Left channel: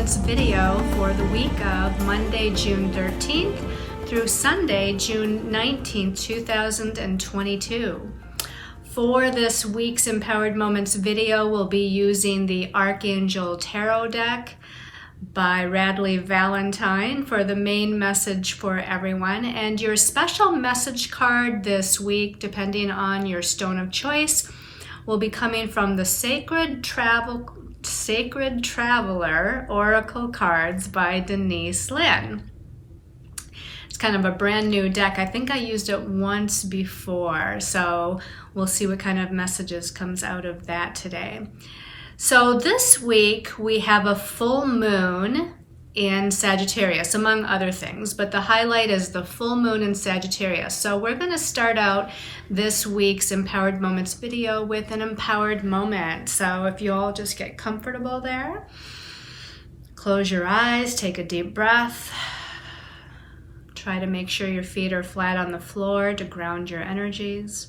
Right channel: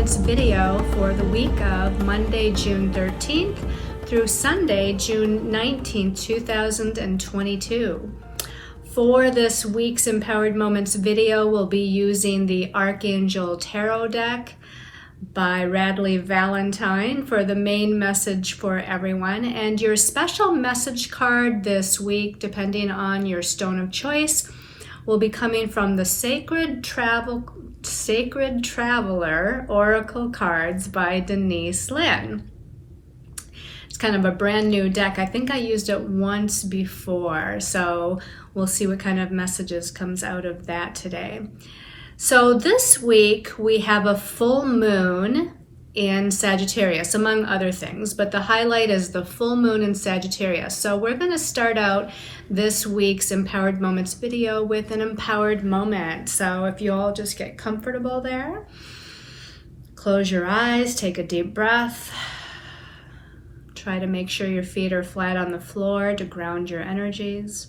Moments video for the week of Monday, June 13th through Sunday, June 19th, 2022. For this week's Empowered Moments video, we'll be using the Archangel Tarot deck by Radley Valentine for the main message for everyone. And your special message card this week, depending on your stone of choice, will be coming from the Sacred Traveler Oracle Cards by Denise Lynn. It's kind of a brand new deck. I think I used it once before, so we'll see what kind of messages comes out of that today. So this week we have a full moon in Sagittarius, among other things, but the highlight is the full moon in Sagittarius. So we're going to start out this week's Empowered Moments video with an empowered moment. So if you all just get comfortable there, close your eyes, take a deep breath. Try to make sure your feet are flat on the floor to ground your energies.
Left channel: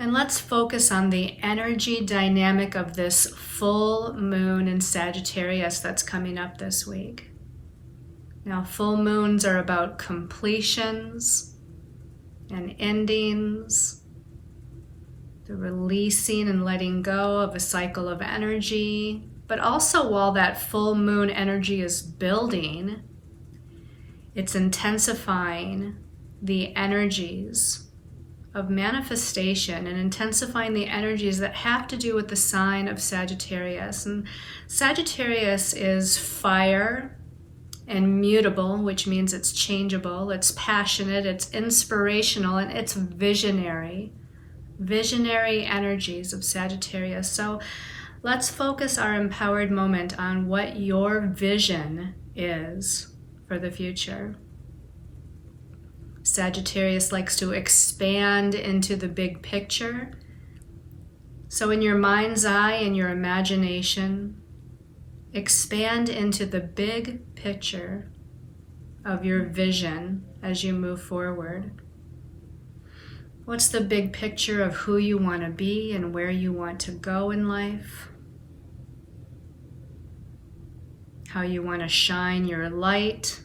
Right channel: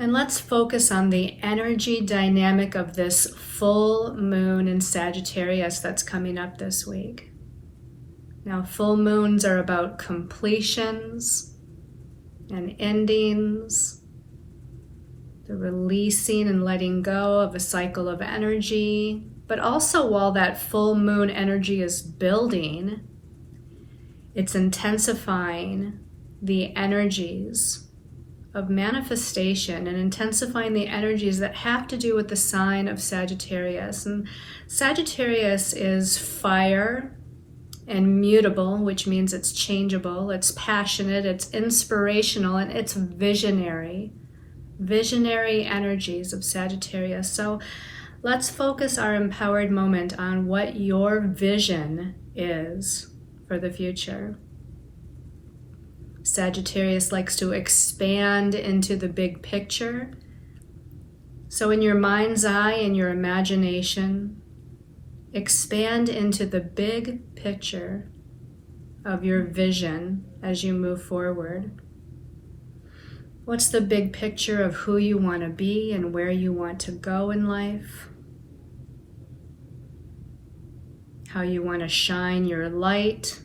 And let's focus on the energy dynamic of this full moon in Sagittarius that's coming up this week. Now, full moons are about completions and endings, the releasing and letting go of a cycle of energy. But also, while that full moon energy is building, it's intensifying the energies of manifestation and intensifying the energies that have to do with the sign of Sagittarius. And Sagittarius is fire and mutable, which means it's changeable, it's passionate, it's inspirational, and it's visionary energies of Sagittarius. So let's focus our empowered moment on what your vision is for the future. Sagittarius likes to expand into the big picture. So in your mind's eye and your imagination, expand into the big picture of your vision as you move forward. What's the big picture of who you want to be and where you want to go in life? How you want to shine your light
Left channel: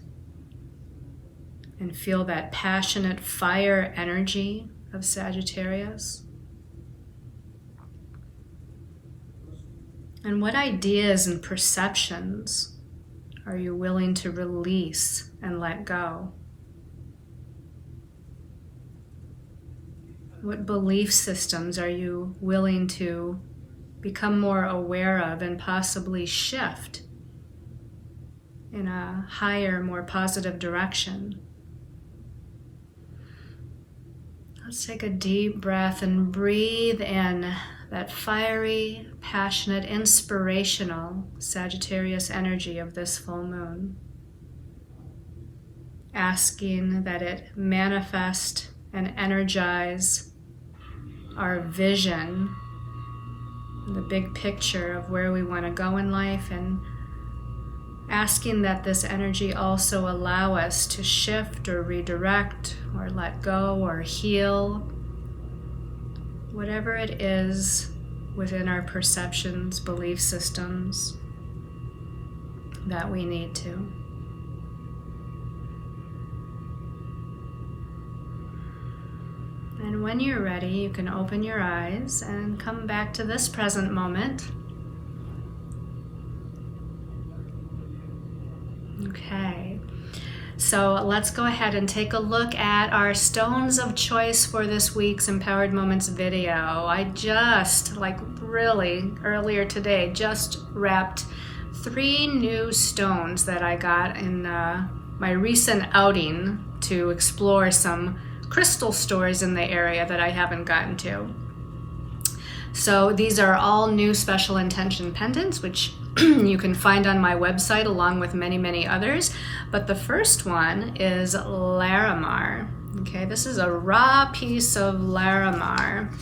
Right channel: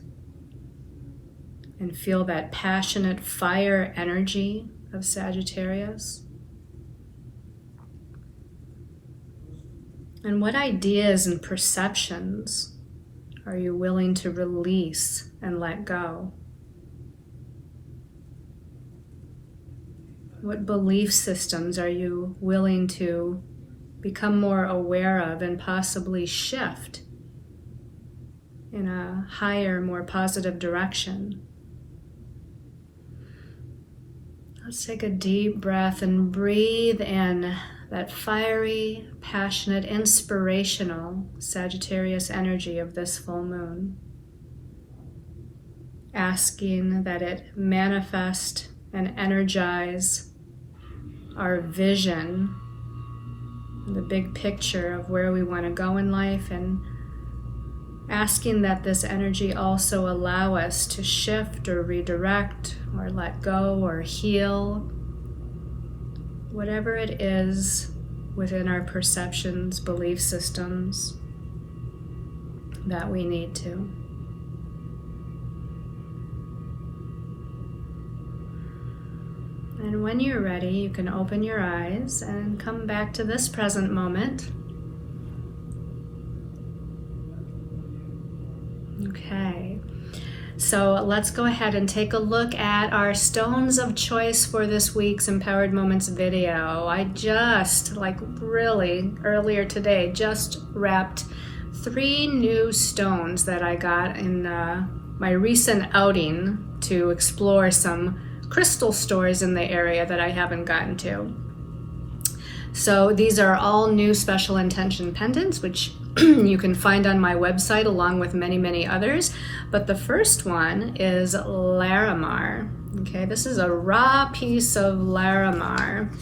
and feel that passionate fire energy of Sagittarius? And what ideas and perceptions are you willing to release and let go? What belief systems are you willing to become more aware of and possibly shift in a higher, more positive direction? Let's take a deep breath and breathe in that fiery, passionate, inspirational Sagittarius energy of this full moon. Asking that it manifest and energize our vision, the big picture of where we want to go in life, and asking that this energy also allow us to shift or redirect or let go or heal whatever it is within our perceptions, belief systems that we need to. And when you're ready, you can open your eyes and come back to this present moment. Okay, so let's go ahead and take a look at our stones of choice for this week's Empowered Moments video. I just, earlier today, just wrapped 3 new stones that I got in my recent outing to explore some crystal stores in the area that I haven't gotten to. So these are all new special intention pendants, which you can find on my website along with many, many others. But the first one is Larimar. Okay, this is a raw piece of Larimar.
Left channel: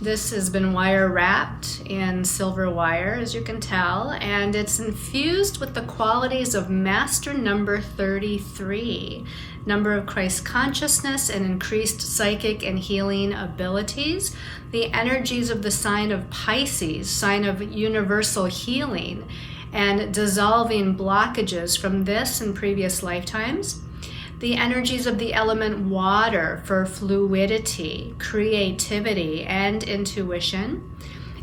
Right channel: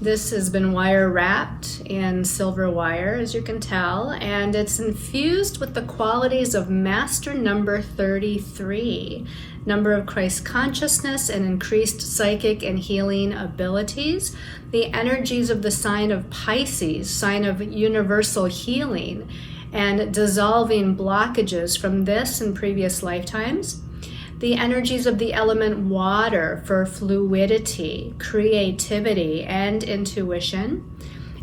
This has been wire wrapped in silver wire, as you can tell, and it's infused with the qualities of Master Number 33. number of Christ consciousness and increased psychic and healing abilities, the energies of the sign of Pisces, sign of universal healing and dissolving blockages from this and previous lifetimes, the energies of the element water for fluidity, creativity, and intuition.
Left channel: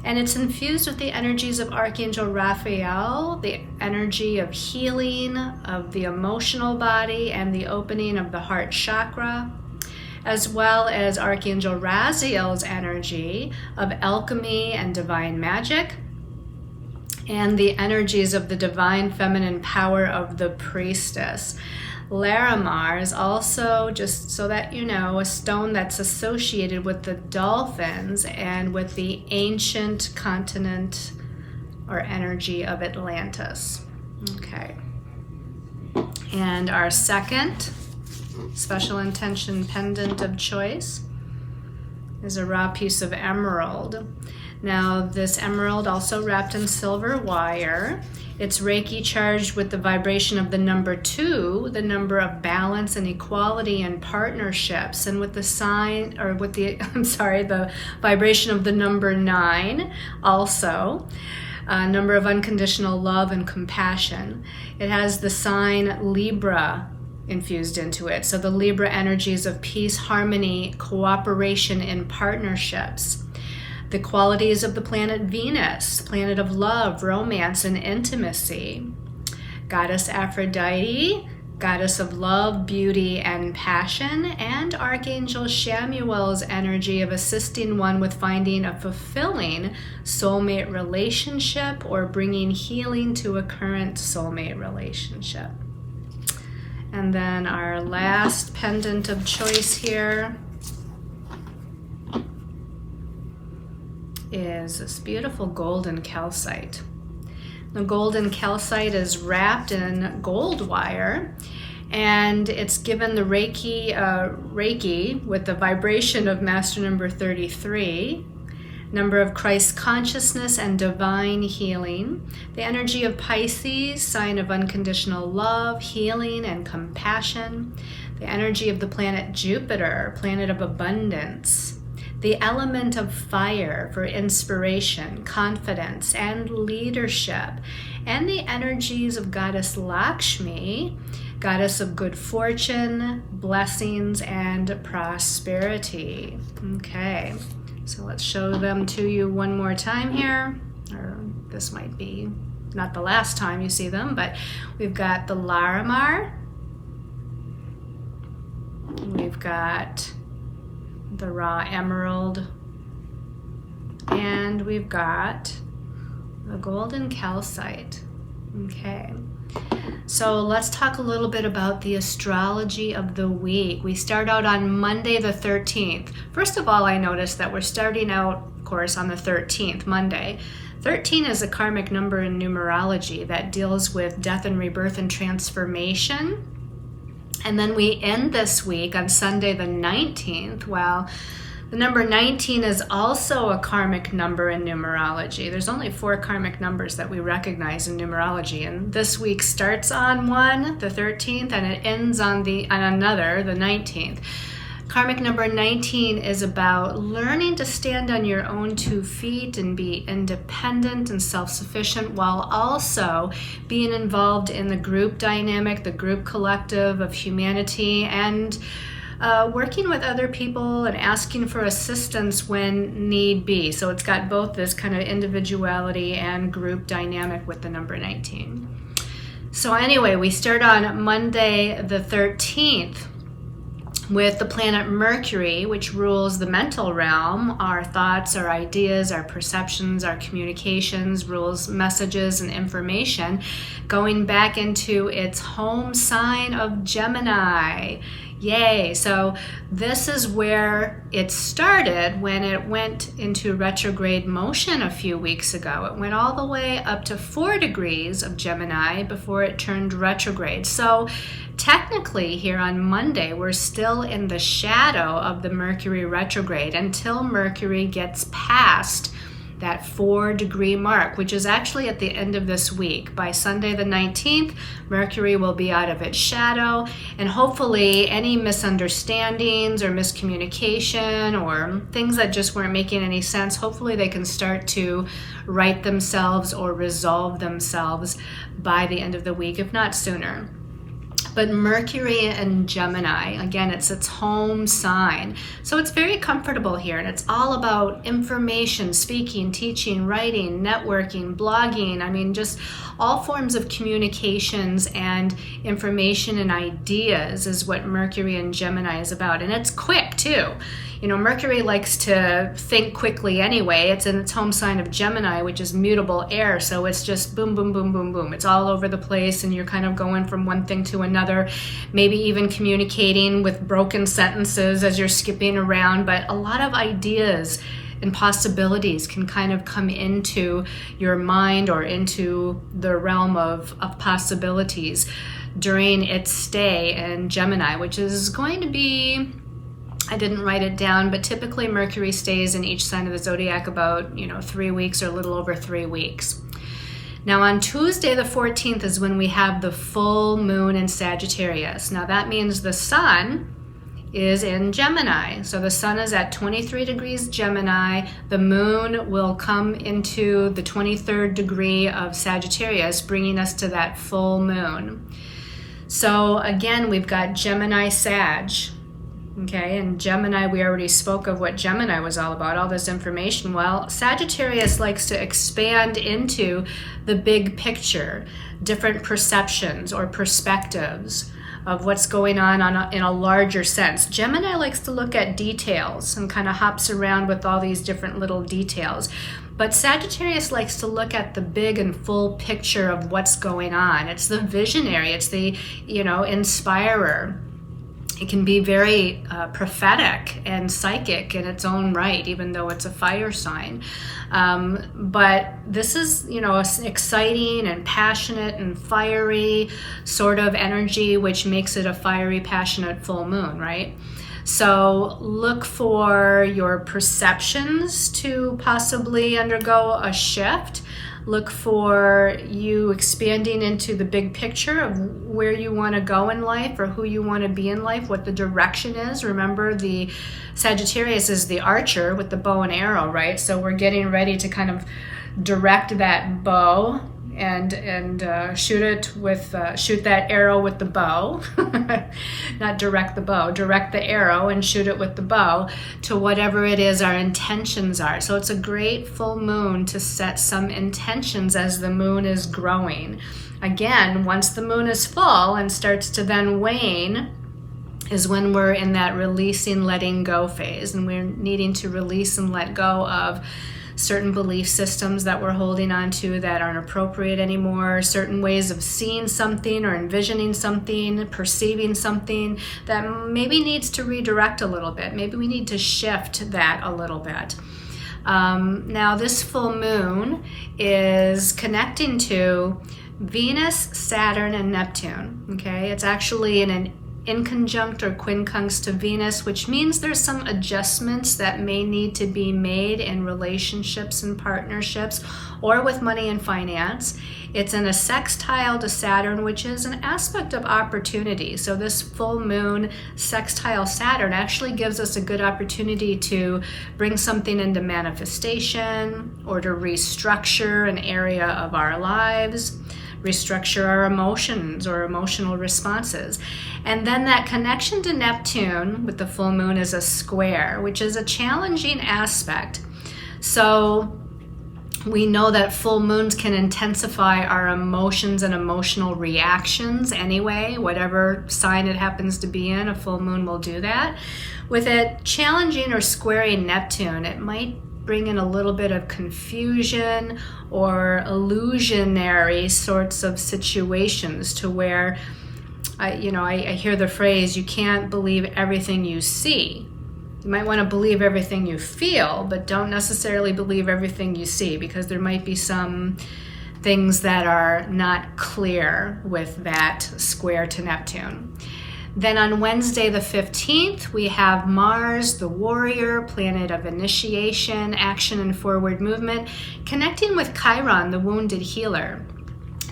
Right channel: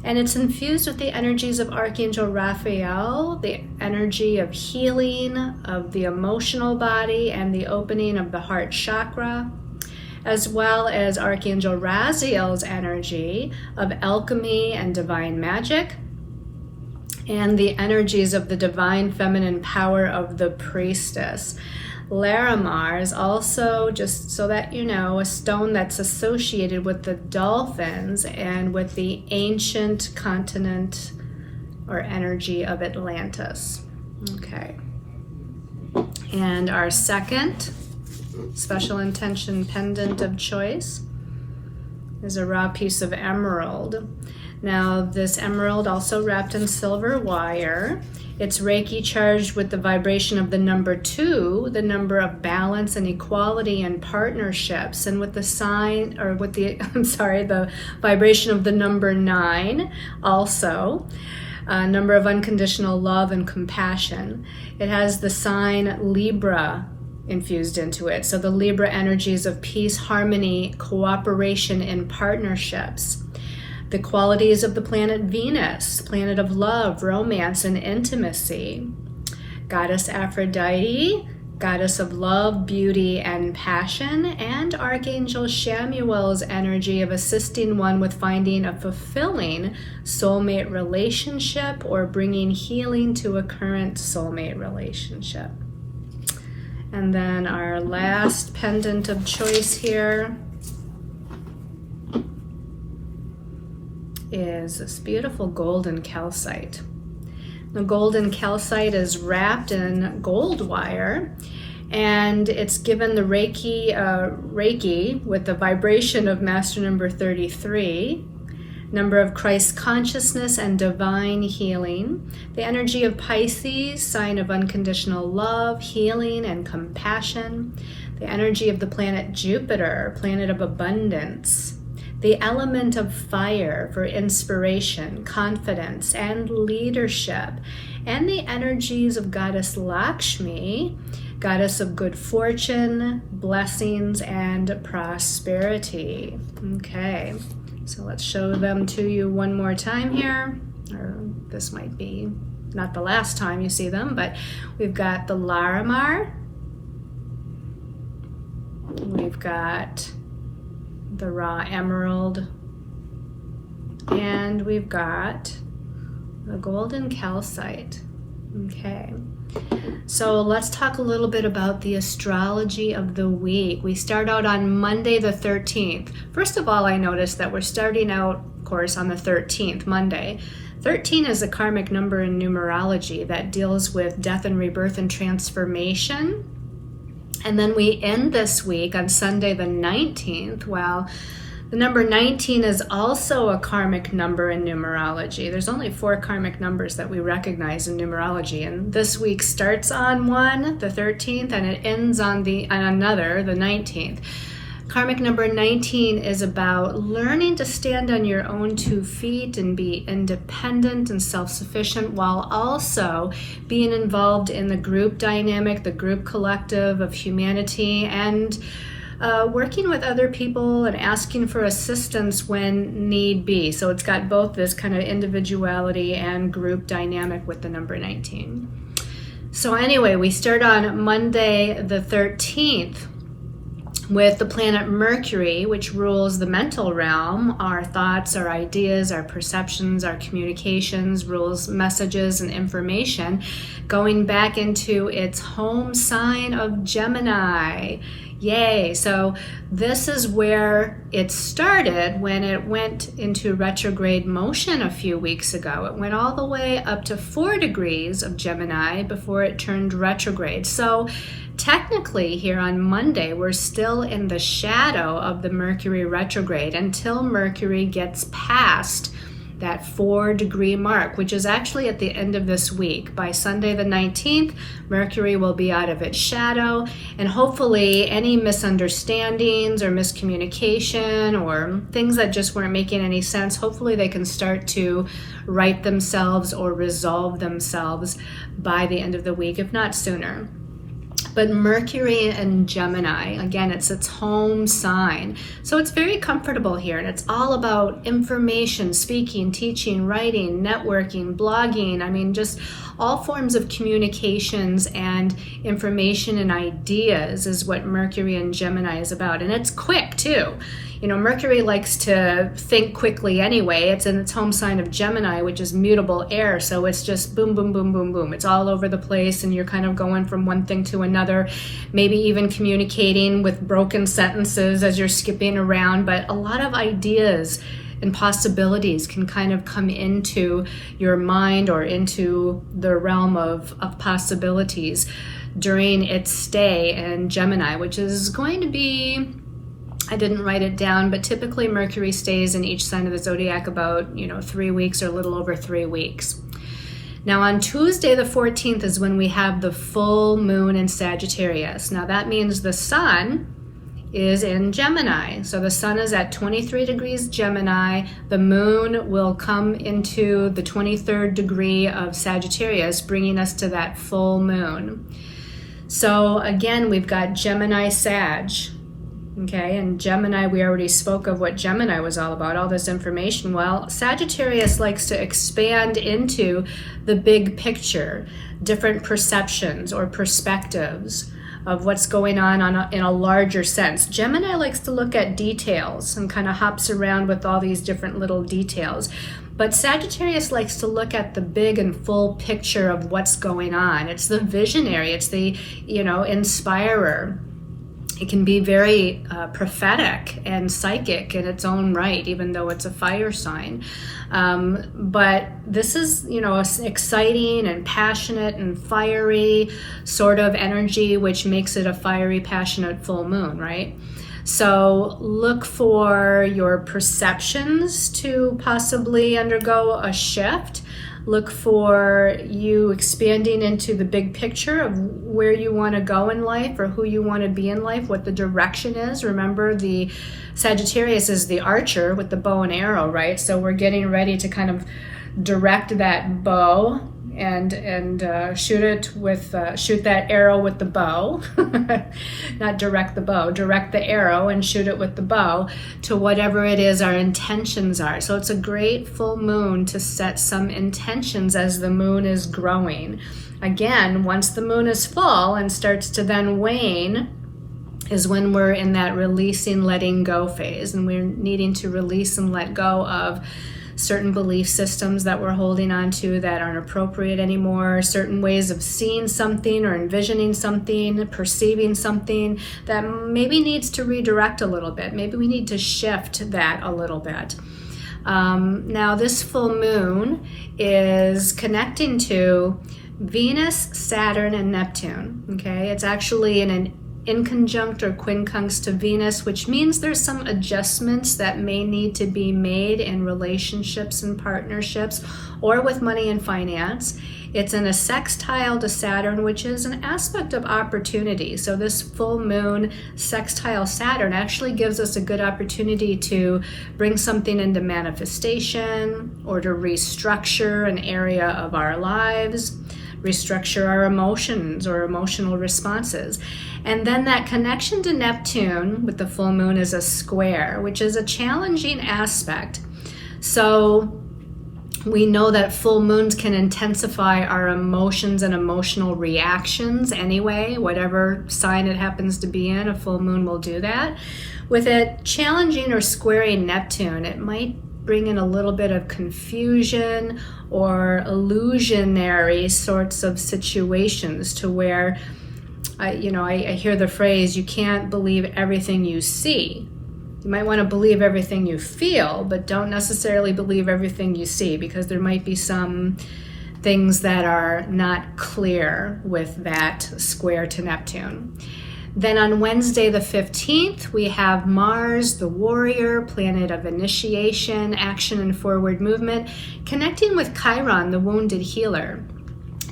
And it's infused with the energies of Archangel Raphael, the energy of healing of the emotional body and the opening of the heart chakra, as well as Archangel Raziel's energy of alchemy and divine magic, and the energies of the divine feminine power of the priestess. Larimar is also, just so that you know, a stone that's associated with the dolphins and with the ancient continent or energy of Atlantis. Okay. And our second special intention pendant of choice is a raw piece of emerald. Now, this emerald also wrapped in silver wire. It's Reiki charged with the vibration of the number 2, the number of balance and equality and partnerships, and with the sign, or with the, the vibration of the number 9 also, number of unconditional love and compassion. It has the sign Libra infused into it. So the Libra energies of peace, harmony, cooperation, and partnerships. The qualities of the planet Venus, planet of love, romance, and intimacy. Goddess Aphrodite, goddess of love, beauty, and passion. And Archangel Shamuel's energy of assisting one with finding a fulfilling soulmate relationship or bringing healing to a current soulmate relationship. And then our last pendant of choice here is this beautiful golden calcite. The golden calcite is wrapped in gold wire, and it's given the Reiki with the vibration of master number 33, number of Christ consciousness and divine healing, the energy of Pisces, sign of unconditional love, healing, and compassion, the energy of the planet Jupiter, planet of abundance, the element of fire for inspiration, confidence, and leadership, and the energies of goddess Lakshmi, goddess of good fortune, blessings, and prosperity. Okay, so let's show them to you one more time here, or this might be not the last time you see them, but we've got the Larimar, we've got the raw emerald, and we've got the golden calcite. Okay, so let's talk a little bit about the astrology of the week. We start out on Monday the 13th. First of all, I noticed that we're starting out, of course, on the 13th, Monday. 13 is a karmic number in numerology that deals with death and rebirth and transformation. And then we end this week on Sunday the 19th. Well, the number 19 is also a karmic number in numerology. There's only 4 karmic numbers that we recognize in numerology, and this week starts on one, the 13th, and it ends on another, the 19th. Karmic number 19 is about learning to stand on your own 2 feet and be independent and self-sufficient, while also being involved in the group dynamic, the group collective of humanity, and working with other people and asking for assistance when need be. So it's got both this kind of individuality and group dynamic with the number 19. So anyway, we start on Monday the 13th with the planet Mercury, which rules the mental realm, our thoughts, our ideas, our perceptions, our communications, rules messages and information, going back into its home sign of Gemini. Yay! So this is where it started when it went into retrograde motion a few weeks ago. It went all the way up to 4 degrees of Gemini before it turned retrograde. So technically here on Monday, we're still in the shadow of the Mercury retrograde until Mercury gets past that 4-degree mark, which is actually at the end of this week. By Sunday the 19th, Mercury will be out of its shadow, and hopefully any misunderstandings or miscommunication or things that just weren't making any sense, hopefully they can start to right themselves or resolve themselves by the end of the week, if not sooner. But Mercury and Gemini, again, it's its home sign. So it's very comfortable here, and it's all about information, speaking, teaching, writing, networking, blogging. I mean, just all forms of communications and information and ideas is what Mercury and Gemini is about. And it's quick too. You know, Mercury likes to think quickly anyway. It's in its home sign of Gemini, which is mutable air. So it's just boom, boom, boom, boom, boom. It's all over the place, and you're kind of going from one thing to another, maybe even communicating with broken sentences as you're skipping around. But a lot of ideas and possibilities can kind of come into your mind or into the realm of possibilities during its stay in Gemini, which is going to be, I didn't write it down, but typically Mercury stays in each sign of the zodiac about, 3 weeks or a little over 3 weeks. Now on Tuesday the 14th is when we have the full moon in Sagittarius. Now that means the sun is in Gemini. So the sun is at 23 degrees Gemini. The moon will come into the 23rd degree of Sagittarius, bringing us to that full moon. So again, we've got Gemini Sag. Okay, and Gemini, we already spoke of what Gemini was all about, all this information. Well, Sagittarius likes to expand into the big picture, different perceptions or perspectives of what's going on in a larger sense. Gemini likes to look at details and kind of hops around with all these different little details. But Sagittarius likes to look at the big and full picture of what's going on. It's the visionary, it's the, inspirer. It can be very prophetic and psychic in its own right, even though it's a fire sign. But this is, exciting and passionate and fiery sort of energy, which makes it a fiery, passionate full moon, right? So look for your perceptions to possibly undergo a shift. Look for you expanding into the big picture of where you want to go in life or who you want to be in life, what the direction is. Remember, the Sagittarius is the archer with the bow and arrow, right? So we're getting ready to kind of direct that bow and shoot that arrow with the bow. Not direct the bow, direct the arrow and shoot it with the bow to whatever it is our intentions are. So it's a great full moon to set some intentions as the moon is growing. Again, once the moon is full and starts to then wane, is when we're in that releasing, letting go phase, and we're needing to release and let go of certain belief systems that we're holding on to that aren't appropriate anymore, certain ways of seeing something or envisioning something, perceiving something that maybe needs to redirect a little bit. Maybe we need to shift that a little bit. Now this full moon is connecting to Venus, Saturn, and Neptune. Okay, it's actually in an inconjunct or quincunx to Venus, which means there's some adjustments that may need to be made in relationships and partnerships or with money and finance. It's in a sextile to Saturn, which is an aspect of opportunity. So this full moon sextile Saturn actually gives us a good opportunity to bring something into manifestation or to restructure an area of our lives, restructure our emotions or emotional responses. And then that connection to Neptune with the full moon is a square, which is a challenging aspect. So we know that full moons can intensify our emotions and emotional reactions anyway. Whatever sign it happens to be in, a full moon will do that. With it challenging or squaring Neptune, it might bring in a little bit of confusion or illusionary sorts of situations to where I hear the phrase, you can't believe everything you see. You might want to believe everything you feel, but don't necessarily believe everything you see, because there might be some things that are not clear with that square to Neptune. Then on Wednesday the 15th, we have Mars, the warrior, planet of initiation, action, and forward movement, connecting with Chiron, the wounded healer.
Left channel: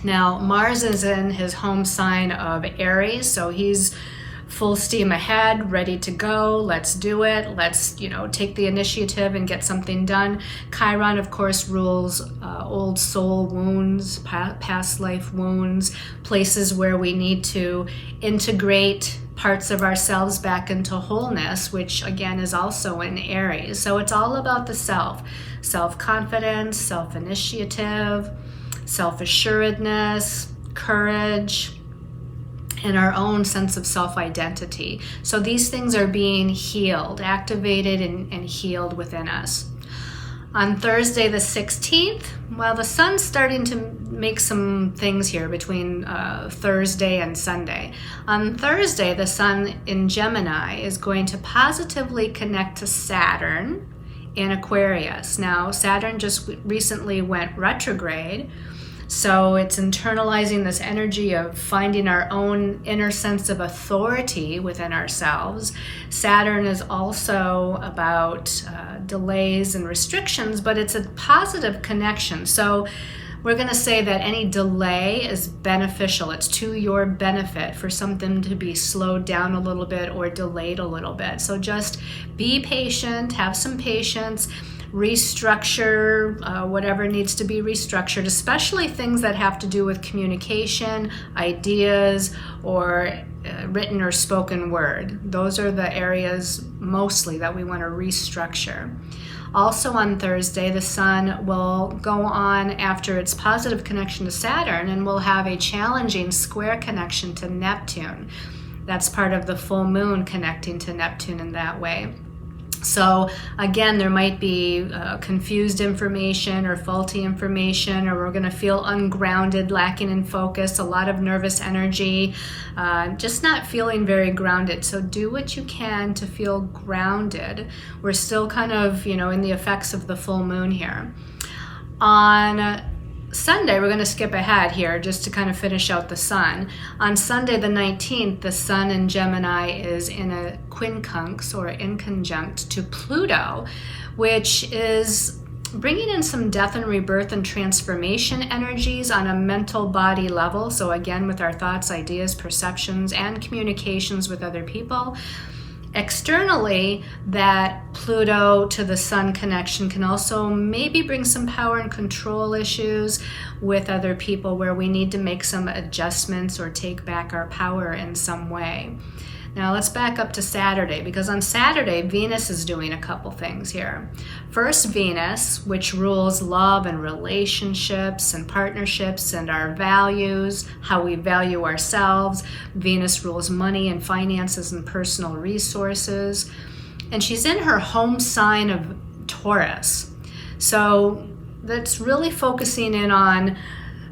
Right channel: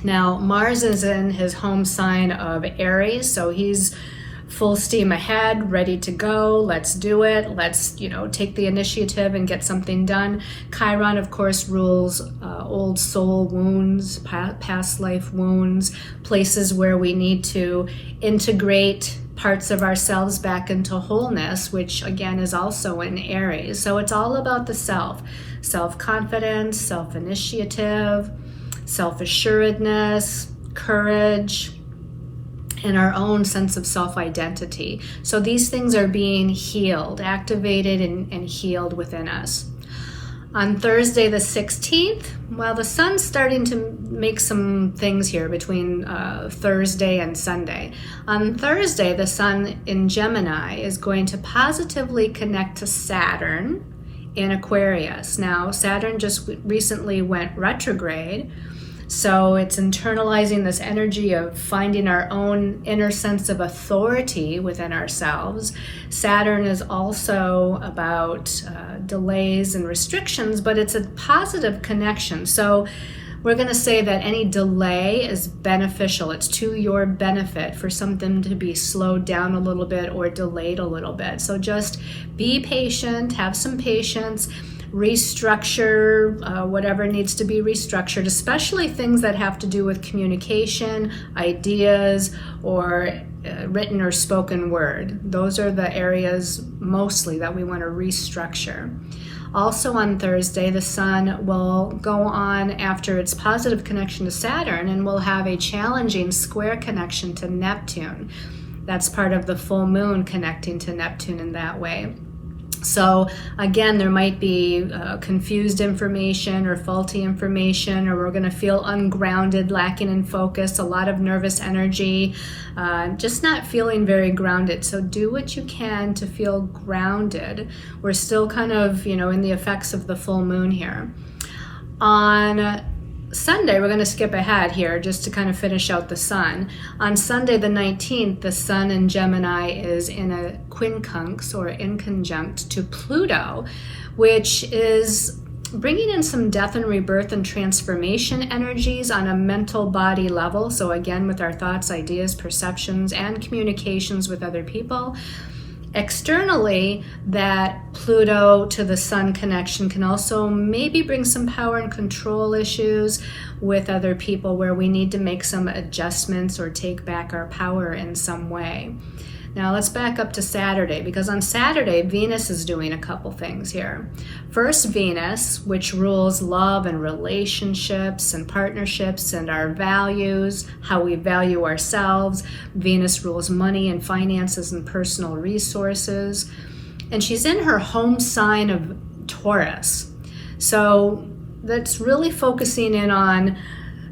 Now, Mars is in his home sign of Aries, so he's full steam ahead, ready to go. Let's do it. Let's, take the initiative and get something done. Chiron, of course, rules old soul wounds, past life wounds, places where we need to integrate parts of ourselves back into wholeness, which again is also in Aries. So it's all about the self, self-confidence, self-initiative, self-assuredness, courage, and our own sense of self-identity. So these things are being healed, activated and healed within us. On Thursday the 16th, well, the sun's starting to make some things here between Thursday and Sunday. On Thursday, the sun in Gemini is going to positively connect to Saturn in Aquarius. Now, Saturn just recently went retrograde, so it's internalizing this energy of finding our own inner sense of authority within ourselves. Saturn is also about delays and restrictions, but it's a positive connection. So we're going to say that any delay is beneficial. It's to your benefit for something to be slowed down a little bit or delayed a little bit. So just be patient, have some patience, restructure whatever needs to be restructured, especially things that have to do with communication, ideas, or written or spoken word. Those are the areas mostly that we want to restructure. Also on Thursday, the sun will go on after its positive connection to Saturn and will have a challenging square connection to Neptune. That's part of the full moon connecting to Neptune in that way. So again, there might be confused information or faulty information, or we're going to feel ungrounded, lacking in focus, a lot of nervous energy, just not feeling very grounded. So do what you can to feel grounded. We're still kind of, in the effects of the full moon here. On Sunday, we're going to skip ahead here just to kind of finish out the sun. On Sunday the 19th, the sun in Gemini is in a quincunx or inconjunct to Pluto, which is bringing in some death and rebirth and transformation energies on a mental body level. So again, with our thoughts, ideas, perceptions, and communications with other people. Externally, that Pluto to the sun connection can also maybe bring some power and control issues with other people where we need to make some adjustments or take back our power in some way. Now let's back up to Saturday, because on Saturday, Venus is doing a couple things here. First, Venus, which rules love and relationships and partnerships and our values, how we value ourselves. Venus rules money and finances and personal resources. And she's in her home sign of Taurus. So that's really focusing in on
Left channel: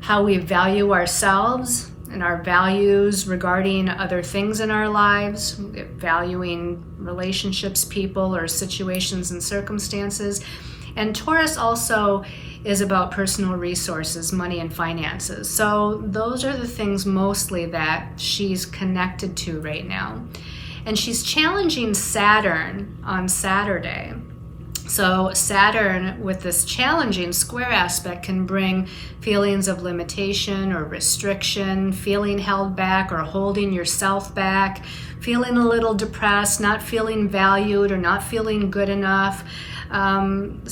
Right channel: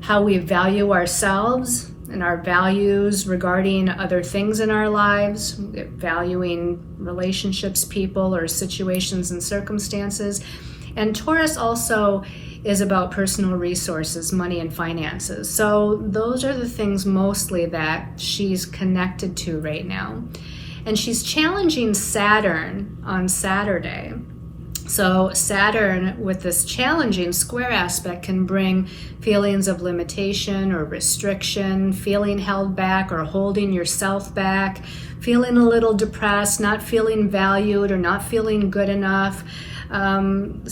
how we value ourselves and our values regarding other things in our lives, valuing relationships, people, or situations and circumstances. And Taurus also is about personal resources, money and finances. So those are the things mostly that she's connected to right now. And she's challenging Saturn on Saturday. So Saturn, with this challenging square aspect, can bring feelings of limitation or restriction, feeling held back or holding yourself back, feeling a little depressed, not feeling valued or not feeling good enough. And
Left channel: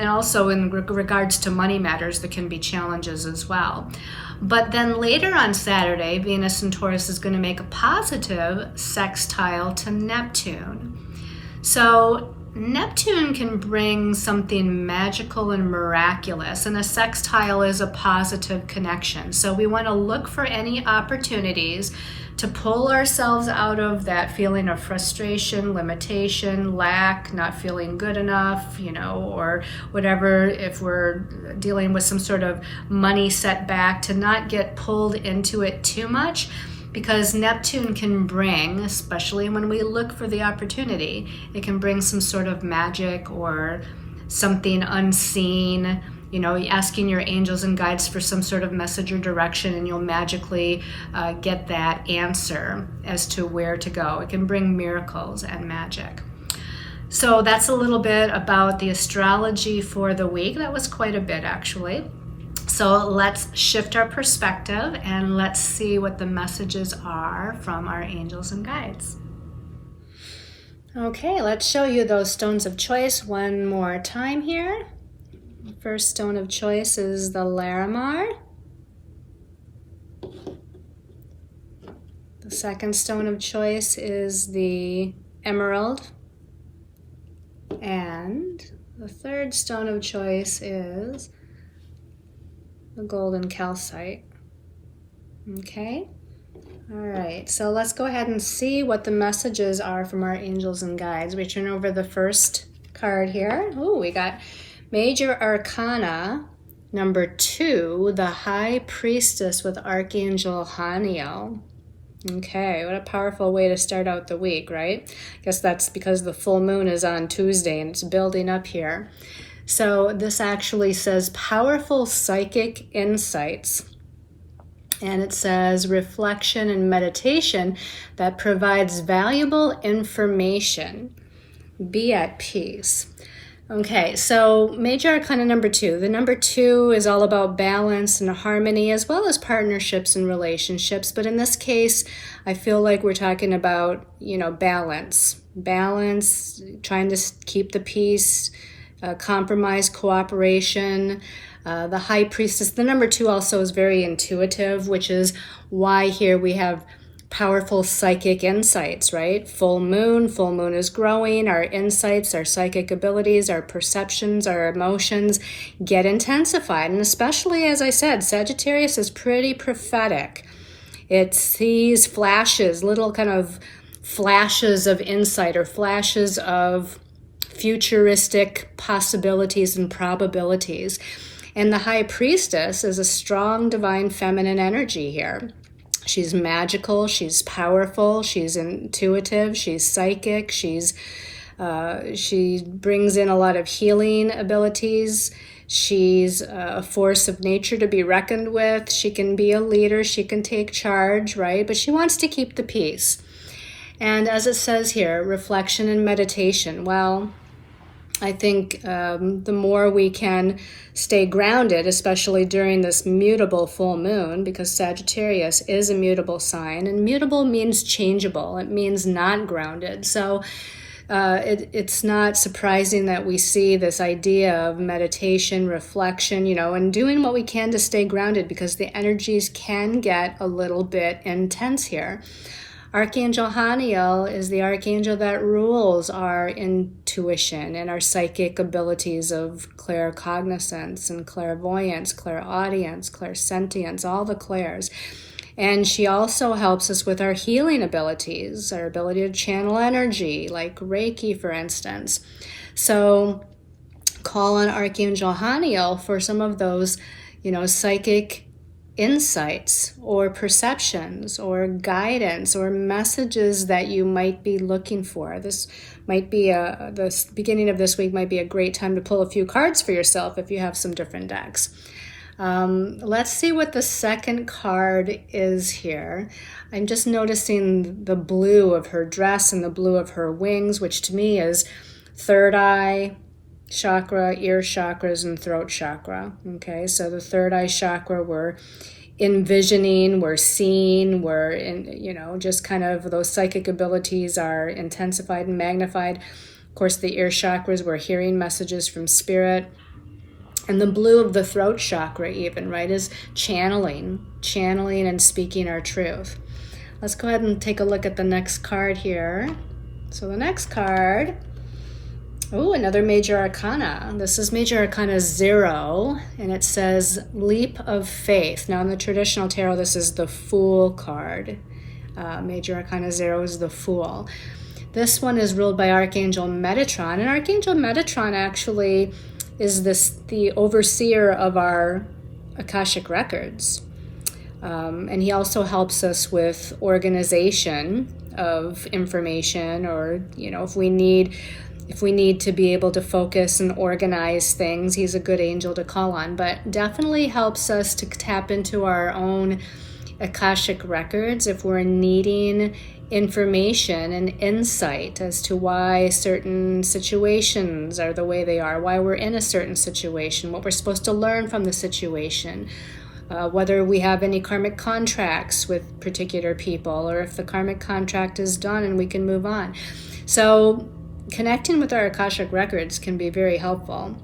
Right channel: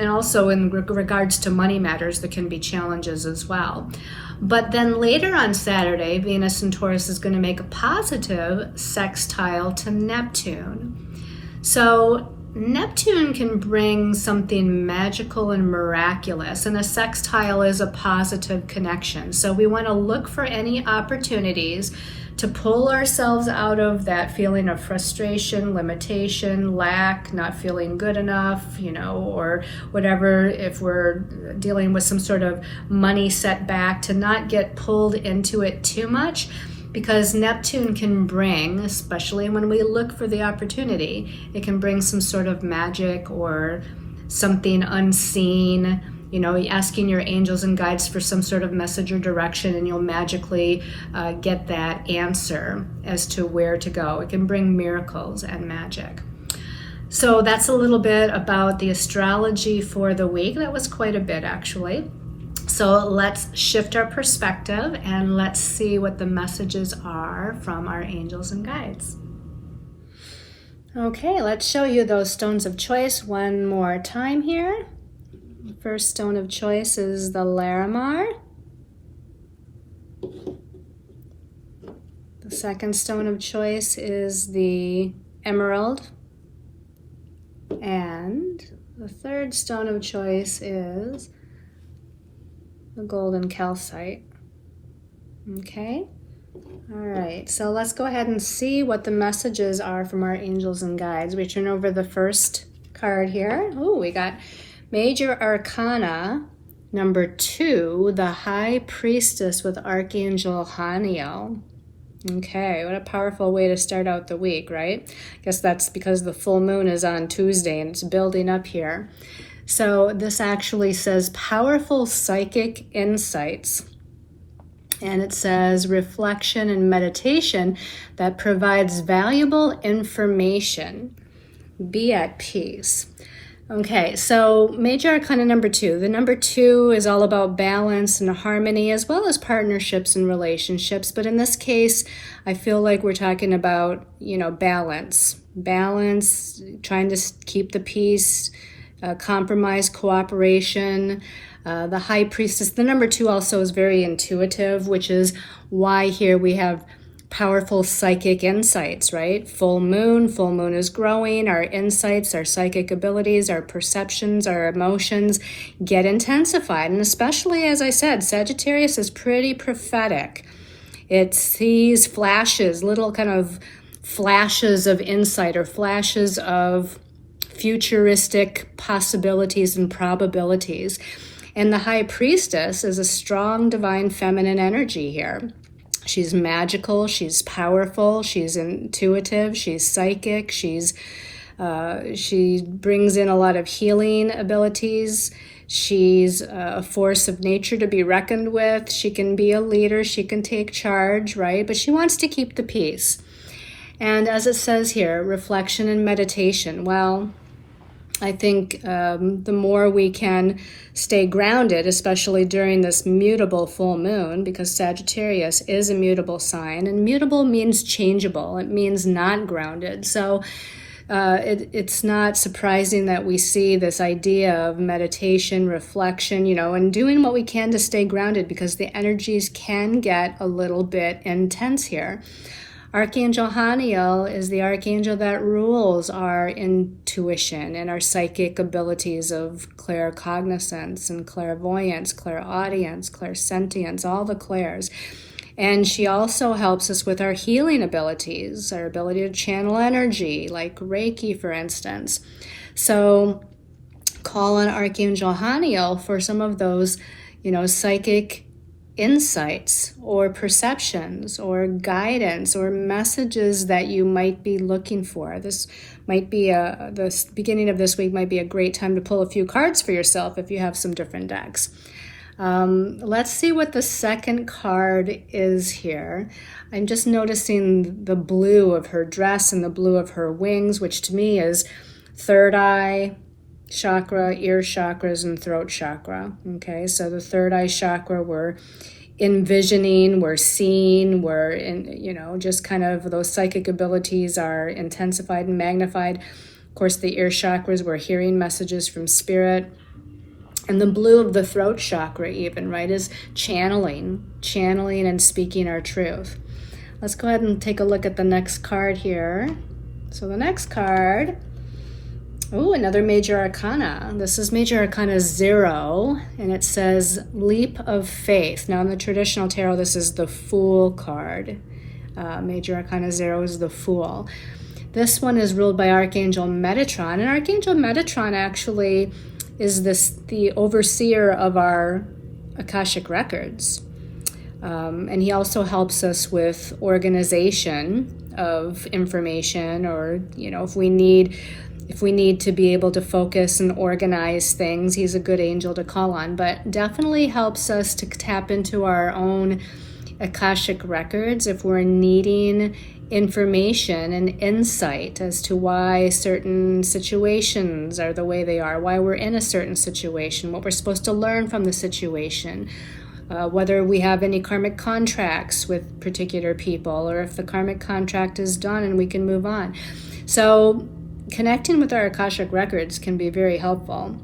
also in regards to money matters, there can be challenges as well. But then later on Saturday, Venus in Taurus is going to make a positive sextile to Neptune. So Neptune can bring something magical and miraculous, and a sextile is a positive connection. So we want to look for any opportunities to pull ourselves out of that feeling of frustration, limitation, lack, not feeling good enough, or whatever, if we're dealing with some sort of money setback, to not get pulled into it too much. Because Neptune can bring, especially when we look for the opportunity, it can bring some sort of magic or something unseen asking your angels and guides for some sort of message or direction, and you'll magically get that answer as to where to go. It can bring miracles and magic. So that's a little bit about the astrology for the week. That was quite a bit, actually. So let's shift our perspective and let's see what the messages are from our angels and guides. Okay, let's show you those stones of choice one more time here. The first stone of choice is the Lemma. The second stone of choice is the emerald. And the third stone of choice is the golden calcite. Okay? All right, so let's go ahead and see what the messages are from our angels and guides. We turn over the first card here. Oh, we got Major Arcana number 2, the High Priestess with Archangel Haniel. Okay, what a powerful way to start out the week, right? I guess that's because the full moon is on Tuesday and it's building up here. So this actually says powerful psychic insights. And it says reflection and meditation that provides valuable information. Be at peace. Okay, so Major Arcana number 2. The number 2 is all about balance and harmony, as well as partnerships and relationships. But in this case, I feel like we're talking about, balance. Balance, trying to keep the peace, compromise, cooperation. The High Priestess, the number 2 also is very intuitive, which is why here we have powerful psychic insights, right? Full moon is growing. Our insights, our psychic abilities, our perceptions, our emotions get intensified. And especially, as I said, Sagittarius is pretty prophetic. It sees flashes, little kind of flashes of insight or flashes of futuristic possibilities and probabilities. And the High Priestess is a strong divine feminine energy here. She's magical, she's powerful, she's intuitive, she's psychic, she brings in a lot of healing abilities. She's a force of nature to be reckoned with. She can be a leader, she can take charge, right? But she wants to keep the peace. And as it says here, reflection and meditation. Well, I think the more we can stay grounded, especially during this mutable full moon, because Sagittarius is a mutable sign, and mutable means changeable. It means not grounded. So it's not surprising that we see this idea of meditation, reflection, and doing what we can to stay grounded, because the energies can get a little bit intense here. Archangel Haniel is the archangel that rules our intuition and our psychic abilities of claircognizance and clairvoyance, clairaudience, clairsentience, all the clairs. And she also helps us with our healing abilities, our ability to channel energy, like Reiki, for instance. So call on Archangel Haniel for some of those, psychic insights or perceptions or guidance or messages that you might be looking for. This might be the beginning of this week might be a great time to pull a few cards for yourself if you have some different decks. Let's see what the second card is here. I'm just noticing the blue of her dress and the blue of her wings, which to me is third eye chakra, ear chakras, and throat chakra. Okay, so the third eye chakra, we're envisioning, we're seeing, we're in, just kind of those psychic abilities are intensified and magnified. Of course, the ear chakras, we're hearing messages from spirit. And the blue of the throat chakra even, right, is channeling and speaking our truth. Let's go ahead and take a look at the next card here. So the next card, another Major Arcana. This is Major Arcana 0, and it says Leap of Faith. Now in the traditional tarot, this is the Fool card. Major Arcana 0 is the Fool. This one is ruled by Archangel Metatron, and Archangel Metatron actually is the overseer of our Akashic records. And he also helps us with organization of information, or, if we need if we need to be able to focus and organize things, he's a good angel to call on, but definitely helps us to tap into our own Akashic records if we're needing information and insight as to why certain situations are the way they are, why we're in a certain situation, what we're supposed to learn from the situation, whether we have any karmic contracts with particular people, or if the karmic contract is done and we can move on. So connecting with our Akashic records can be very helpful.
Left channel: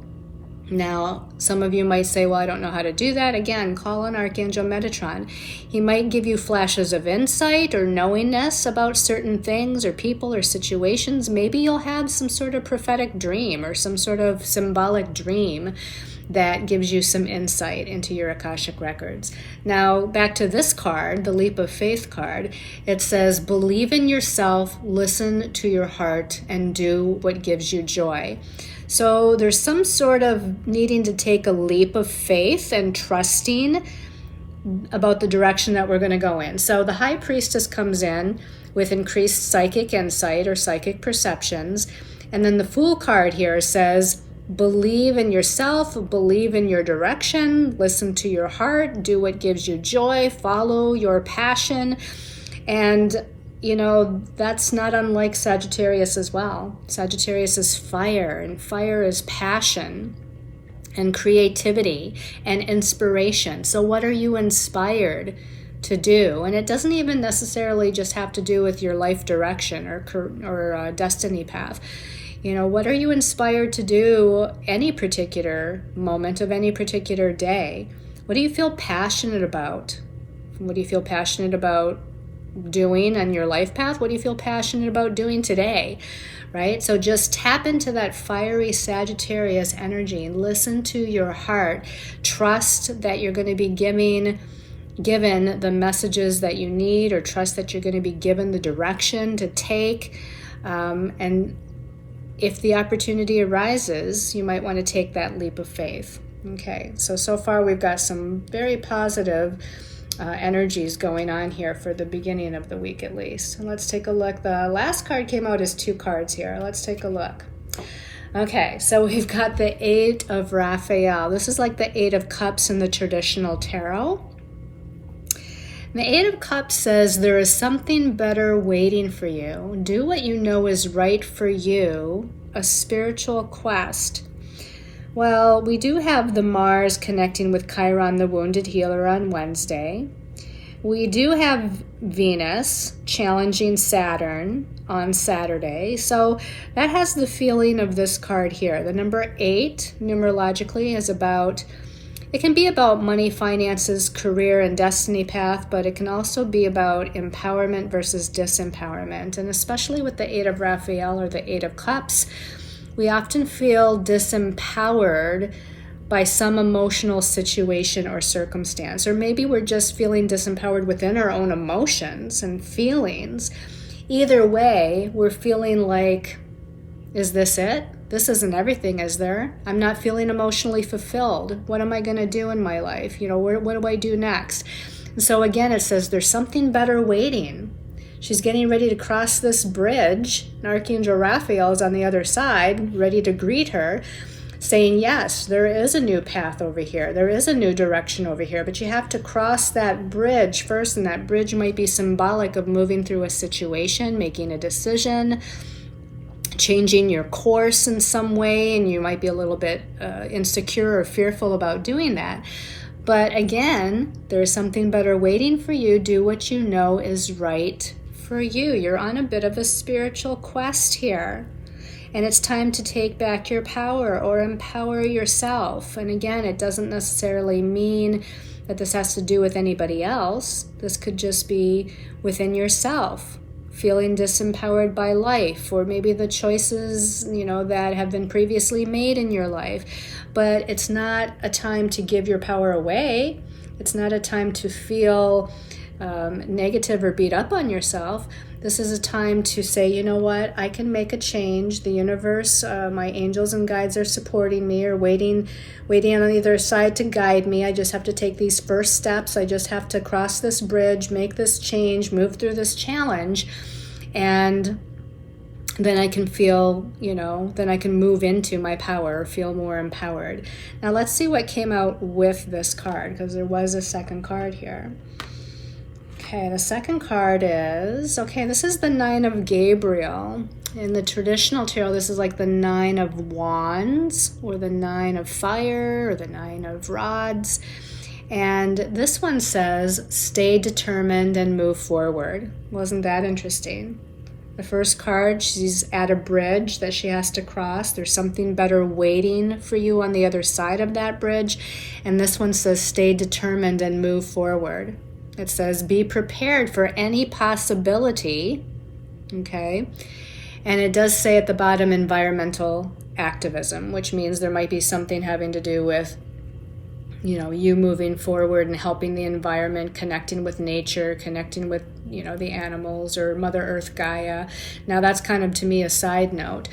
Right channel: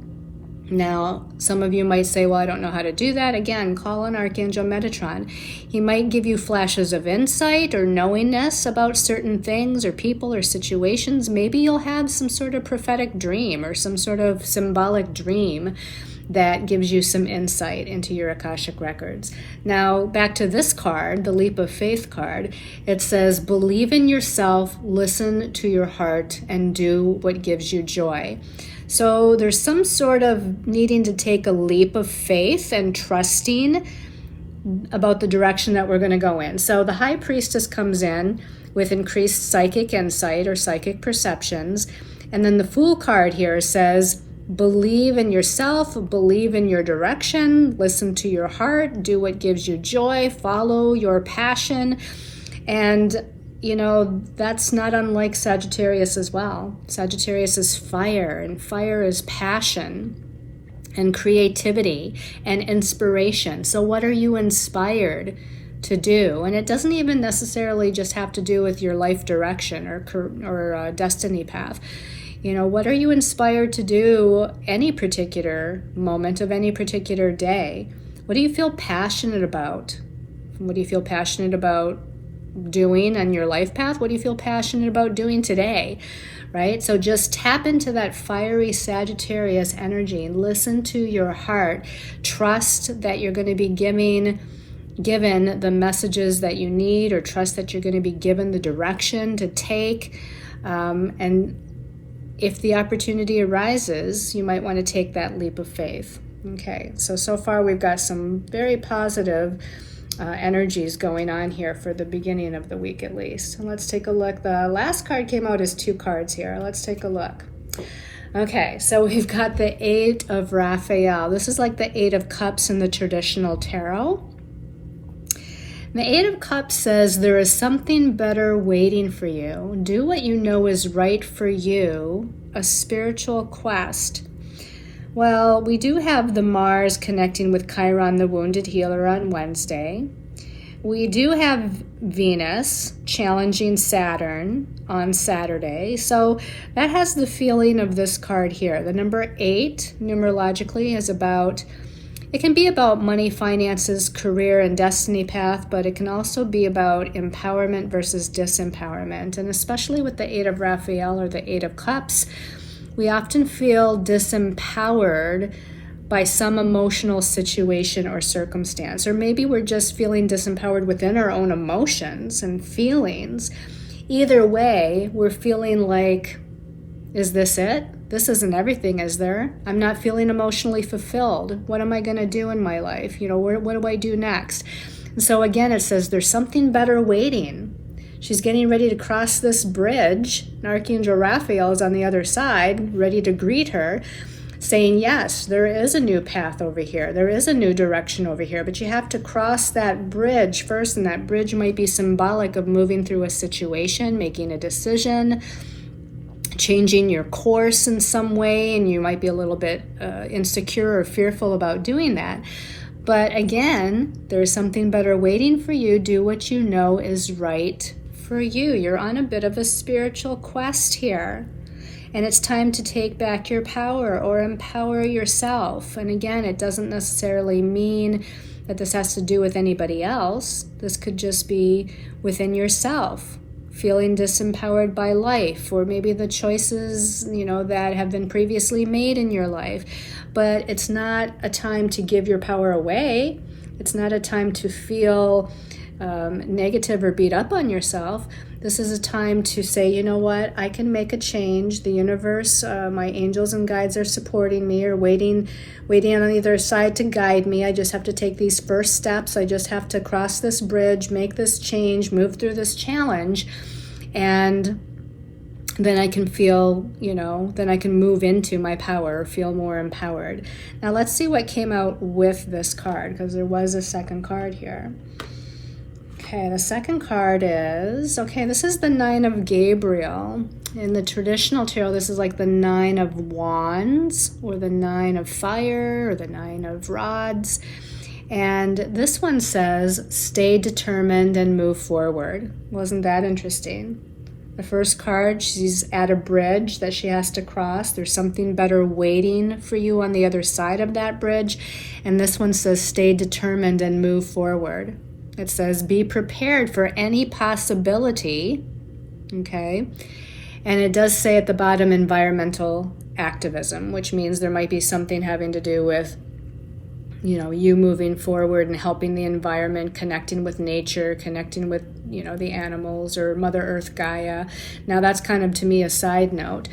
Now, some of you might say, well, I don't know how to do that. Again, call on Archangel Metatron. He might give you flashes of insight or knowingness about certain things or people or situations. Maybe you'll have some sort of prophetic dream or some sort of symbolic dream that gives you some insight into your Akashic records. Now, back to this card, the Leap of Faith card. It says, believe in yourself, listen to your heart, and do what gives you joy. So there's some sort of needing to take a leap of faith and trusting about the direction that we're going to go in. So the High Priestess comes in with increased psychic insight or psychic perceptions. And then the Fool card here says, believe in yourself, believe in your direction, listen to your heart, do what gives you joy, follow your passion. And you know, that's not unlike Sagittarius as well. Sagittarius is fire, and fire is passion and creativity and inspiration. So what are you inspired to do? And it doesn't even necessarily just have to do with your life direction or destiny path. You know, what are you inspired to do any particular moment of any particular day? What do you feel passionate about? What do you feel passionate about doing on your life path? What do you feel passionate about doing today? Right? So just tap into that fiery Sagittarius energy and listen to your heart. Trust that you're going to be given the messages that you need, or trust that you're going to be given the direction to take. And if the opportunity arises, you might want to take that leap of faith. Okay, so far we've got some very positive energies going on here for the beginning of the week at least. And let's take a look. The last card came out as 2 cards here. Let's take a look. Okay, so we've got the 8 of Raphael. This is like the 8 of Cups in the traditional tarot. And the 8 of Cups says there is something better waiting for you. Do what you know is right for you, a spiritual quest. Well, we do have the Mars connecting with Chiron, the wounded healer, on Wednesday. We do have Venus challenging Saturn on Saturday. So that has the feeling of this card here. The number 8, numerologically, is it can be about money, finances, career, and destiny path, but it can also be about empowerment versus disempowerment. And especially with the 8 of Raphael or the 8 of Cups, we often feel disempowered by some emotional situation or circumstance, or maybe we're just feeling disempowered within our own emotions and feelings. Either way, we're feeling like, is this it? This isn't everything, is there? I'm not feeling emotionally fulfilled. What am I going to do in my life? You know, what do I do next? And so again, it says there's something better waiting. She's getting ready to cross this bridge, and Archangel Raphael is on the other side, ready to greet her, saying, yes, there is a new path over here. There is a new direction over here, but you have to cross that bridge first, and that bridge might be symbolic of moving through a situation, making a decision, changing your course in some way, and you might be a little bit insecure or fearful about doing that. But again, there's something better waiting for you. Do what you know is right for you. You're on a bit of a spiritual quest here, and it's time to take back your power or empower yourself. And again, it doesn't necessarily mean that this has to do with anybody else. This could just be within yourself, feeling disempowered by life, or maybe the choices, that have been previously made in your life. But it's not a time to give your power away. It's not a time to feel negative or beat up on yourself. This is a time to say, you know what, I can make a change. The universe, my angels and guides are supporting me, or waiting on either side to guide me. I just have to take these first steps. I just have to cross this bridge, make this change, move through this challenge. And then I can feel, then I can move into my power or feel more empowered. Now let's see what came out with this card, because there was a second card here. Okay, the second card is, this is the Nine of Gabriel. In the traditional tarot, this is like the Nine of Wands, or the Nine of Fire, or the Nine of Rods. And this one says, stay determined and move forward. Wasn't that interesting? The first card, she's at a bridge that she has to cross. There's something better waiting for you on the other side of that bridge. And this one says, stay determined and move forward. It says, be prepared for any possibility. Okay. And it does say at the bottom, environmental activism, which means there might be something having to do with, you moving forward and helping the environment, connecting with nature, connecting with, the animals or Mother Earth, Gaia. Now that's kind of, to me, a side note.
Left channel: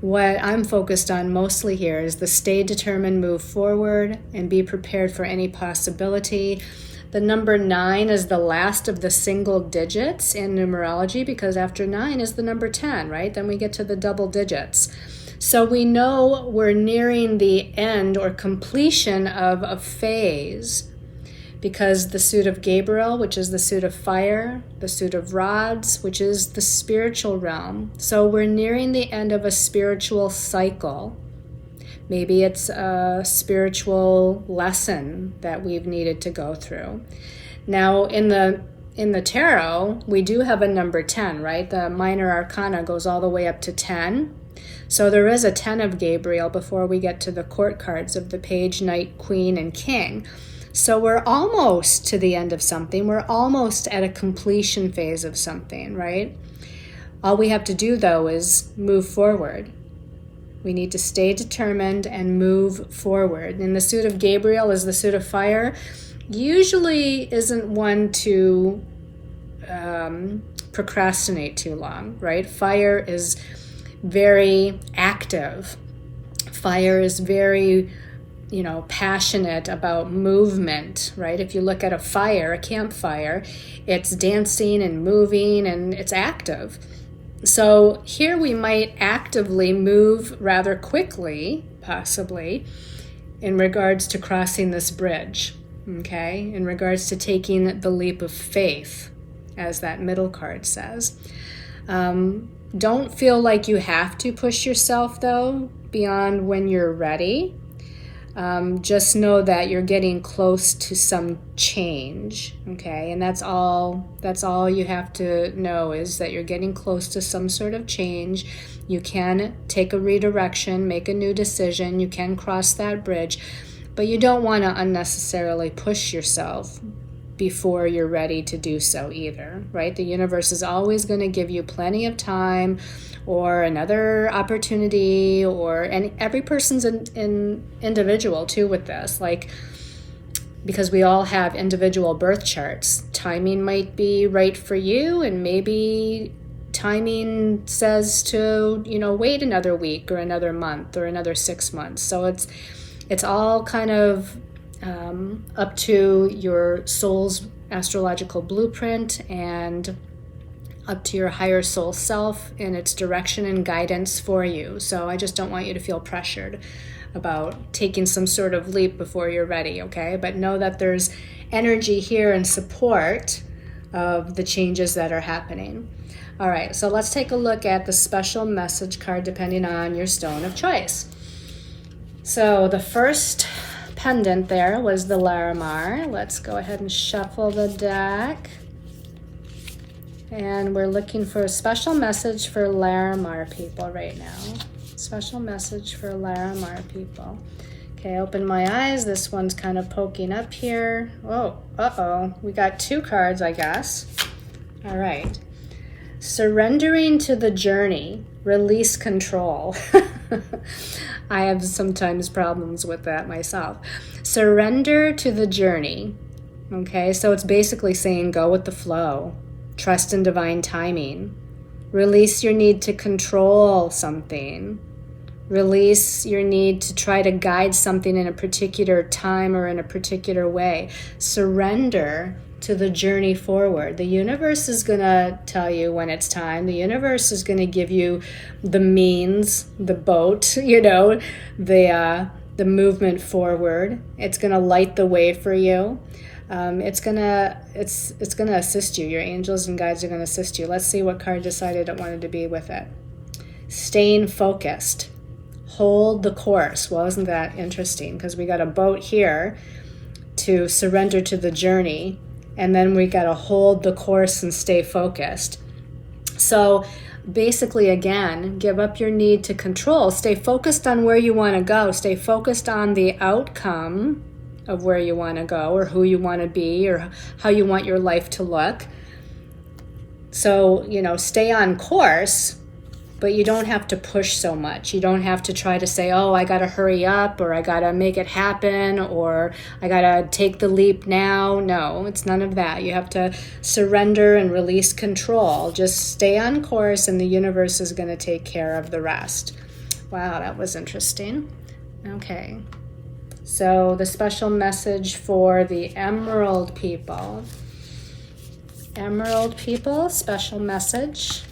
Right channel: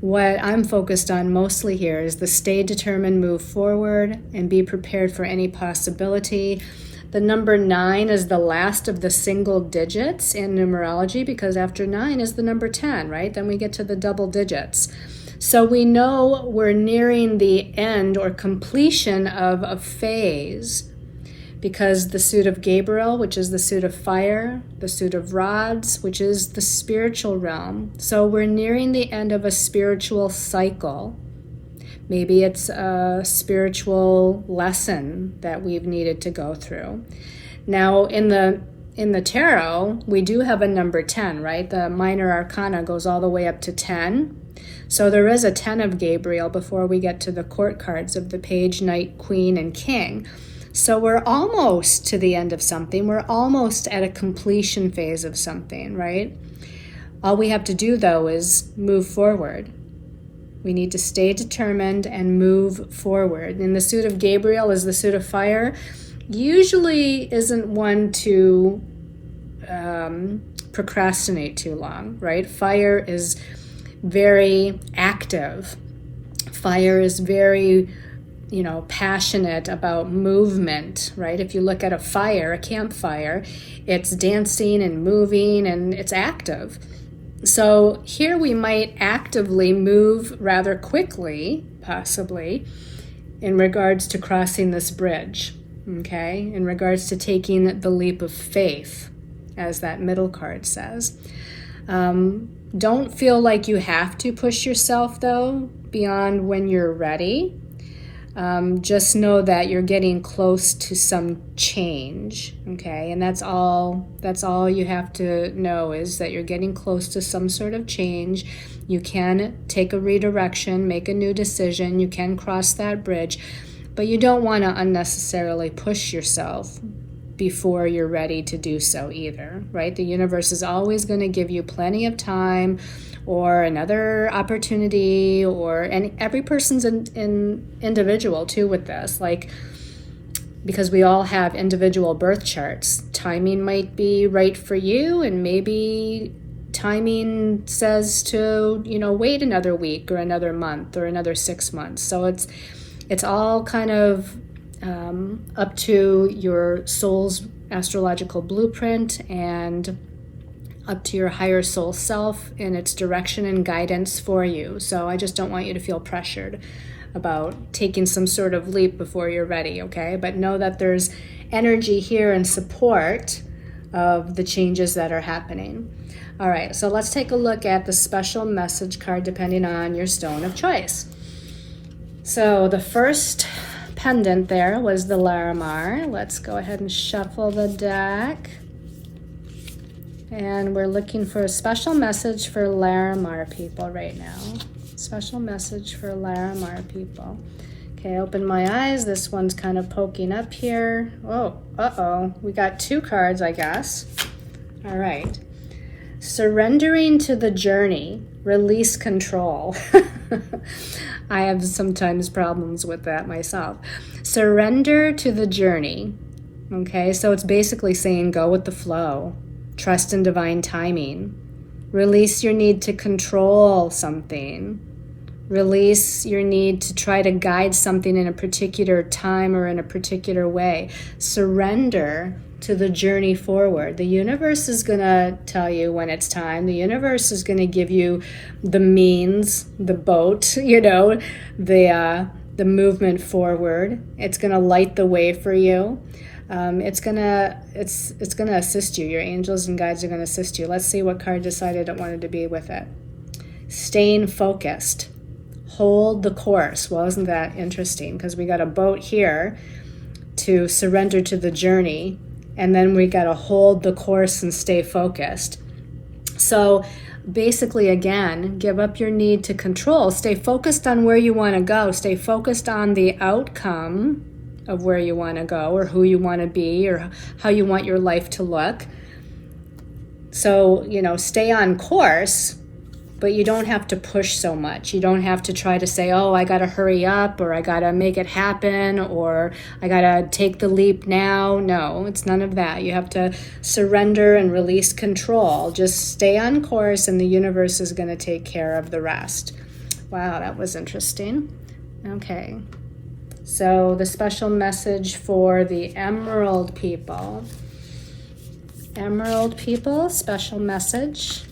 What I'm focused on mostly here is the stay determined, move forward, and be prepared for any possibility. The number 9 is the last of the single digits in numerology, because after 9 is the number 10, right? Then we get to the double digits. So we know we're nearing the end or completion of a phase, because the suit of Gabriel, which is the suit of fire, the suit of rods, which is the spiritual realm. So we're nearing the end of a spiritual cycle. Maybe it's a spiritual lesson that we've needed to go through. Now, in the tarot, we do have a number 10, right? The minor arcana goes all the way up to 10. So there is a 10 of Gabriel before we get to the court cards of the Page, Knight, Queen, and King. So we're almost to the end of something. We're almost at a completion phase of something, right? All we have to do, though, is move forward. We need to stay determined and move forward. And the suit of Gabriel is the suit of fire. Usually isn't one to procrastinate too long, right? Fire is very active. Fire is very, passionate about movement, right? If you look at a campfire, it's dancing and moving and it's active. So here we might actively move rather quickly, possibly, in regards to crossing this bridge, okay? In regards to taking the leap of faith, as that middle card says. Don't feel like you have to push yourself, though, beyond when you're ready. Just know that you're getting close to some change, okay? And that's all you have to know, is that you're getting close to some sort of change. You can take a redirection, make a new decision. You can cross that bridge, but you don't want to unnecessarily push yourself before you're ready to do so either, right? The universe is always going to give you plenty of time or another opportunity, and every person's individual too with this, because we all have individual birth charts. Timing might be right for you, and maybe timing says to, wait another week or another month or another 6 months. So it's all kind of up to your soul's astrological blueprint and up to your higher soul self and its direction and guidance for you. So I just don't want you to feel pressured about taking some sort of leap before you're ready, okay? But know that there's energy here and support of the changes that are happening. All right, so let's take a look at the special message card depending on your stone of choice. So the first pendant there was the Larimar. Let's go ahead and shuffle the deck. And we're looking for a special message for Larimar people right now. Special message for Larimar people. Okay, open my eyes. This one's kind of poking up here. Oh, uh-oh. We got 2 cards, I guess. All right. Surrendering to the journey. Release control. I have sometimes problems with that myself. Surrender to the journey. Okay, so it's basically saying go with the flow. Trust in divine timing. Release your need to control something. Release your need to try to guide something in a particular time or in a particular way. Surrender to the journey forward. The universe is going to tell you when it's time. The universe is going to give you the means, the boat, the movement forward. It's going to light the way for you. It's gonna assist you. Your angels and guides are going to assist you. Let's see what card decided it wanted to be with it. Staying focused. Hold the course. Well, isn't that interesting? Because we got a boat here to surrender to the journey, and then we got to hold the course and stay focused. So basically, again, give up your need to control. Stay focused on where you want to go. Stay focused on the outcome of where you want to go, or who you want to be, or how you want your life to look. So, stay on course, but you don't have to push so much. You don't have to try to say, oh, I got to hurry up, or I got to make it happen, or I got to take the leap now. No, it's none of that. You have to surrender and release control. Just stay on course, and the universe is going to take care of the rest. Wow, that was interesting. Okay. So the special message for the Emerald people. Emerald people, special message.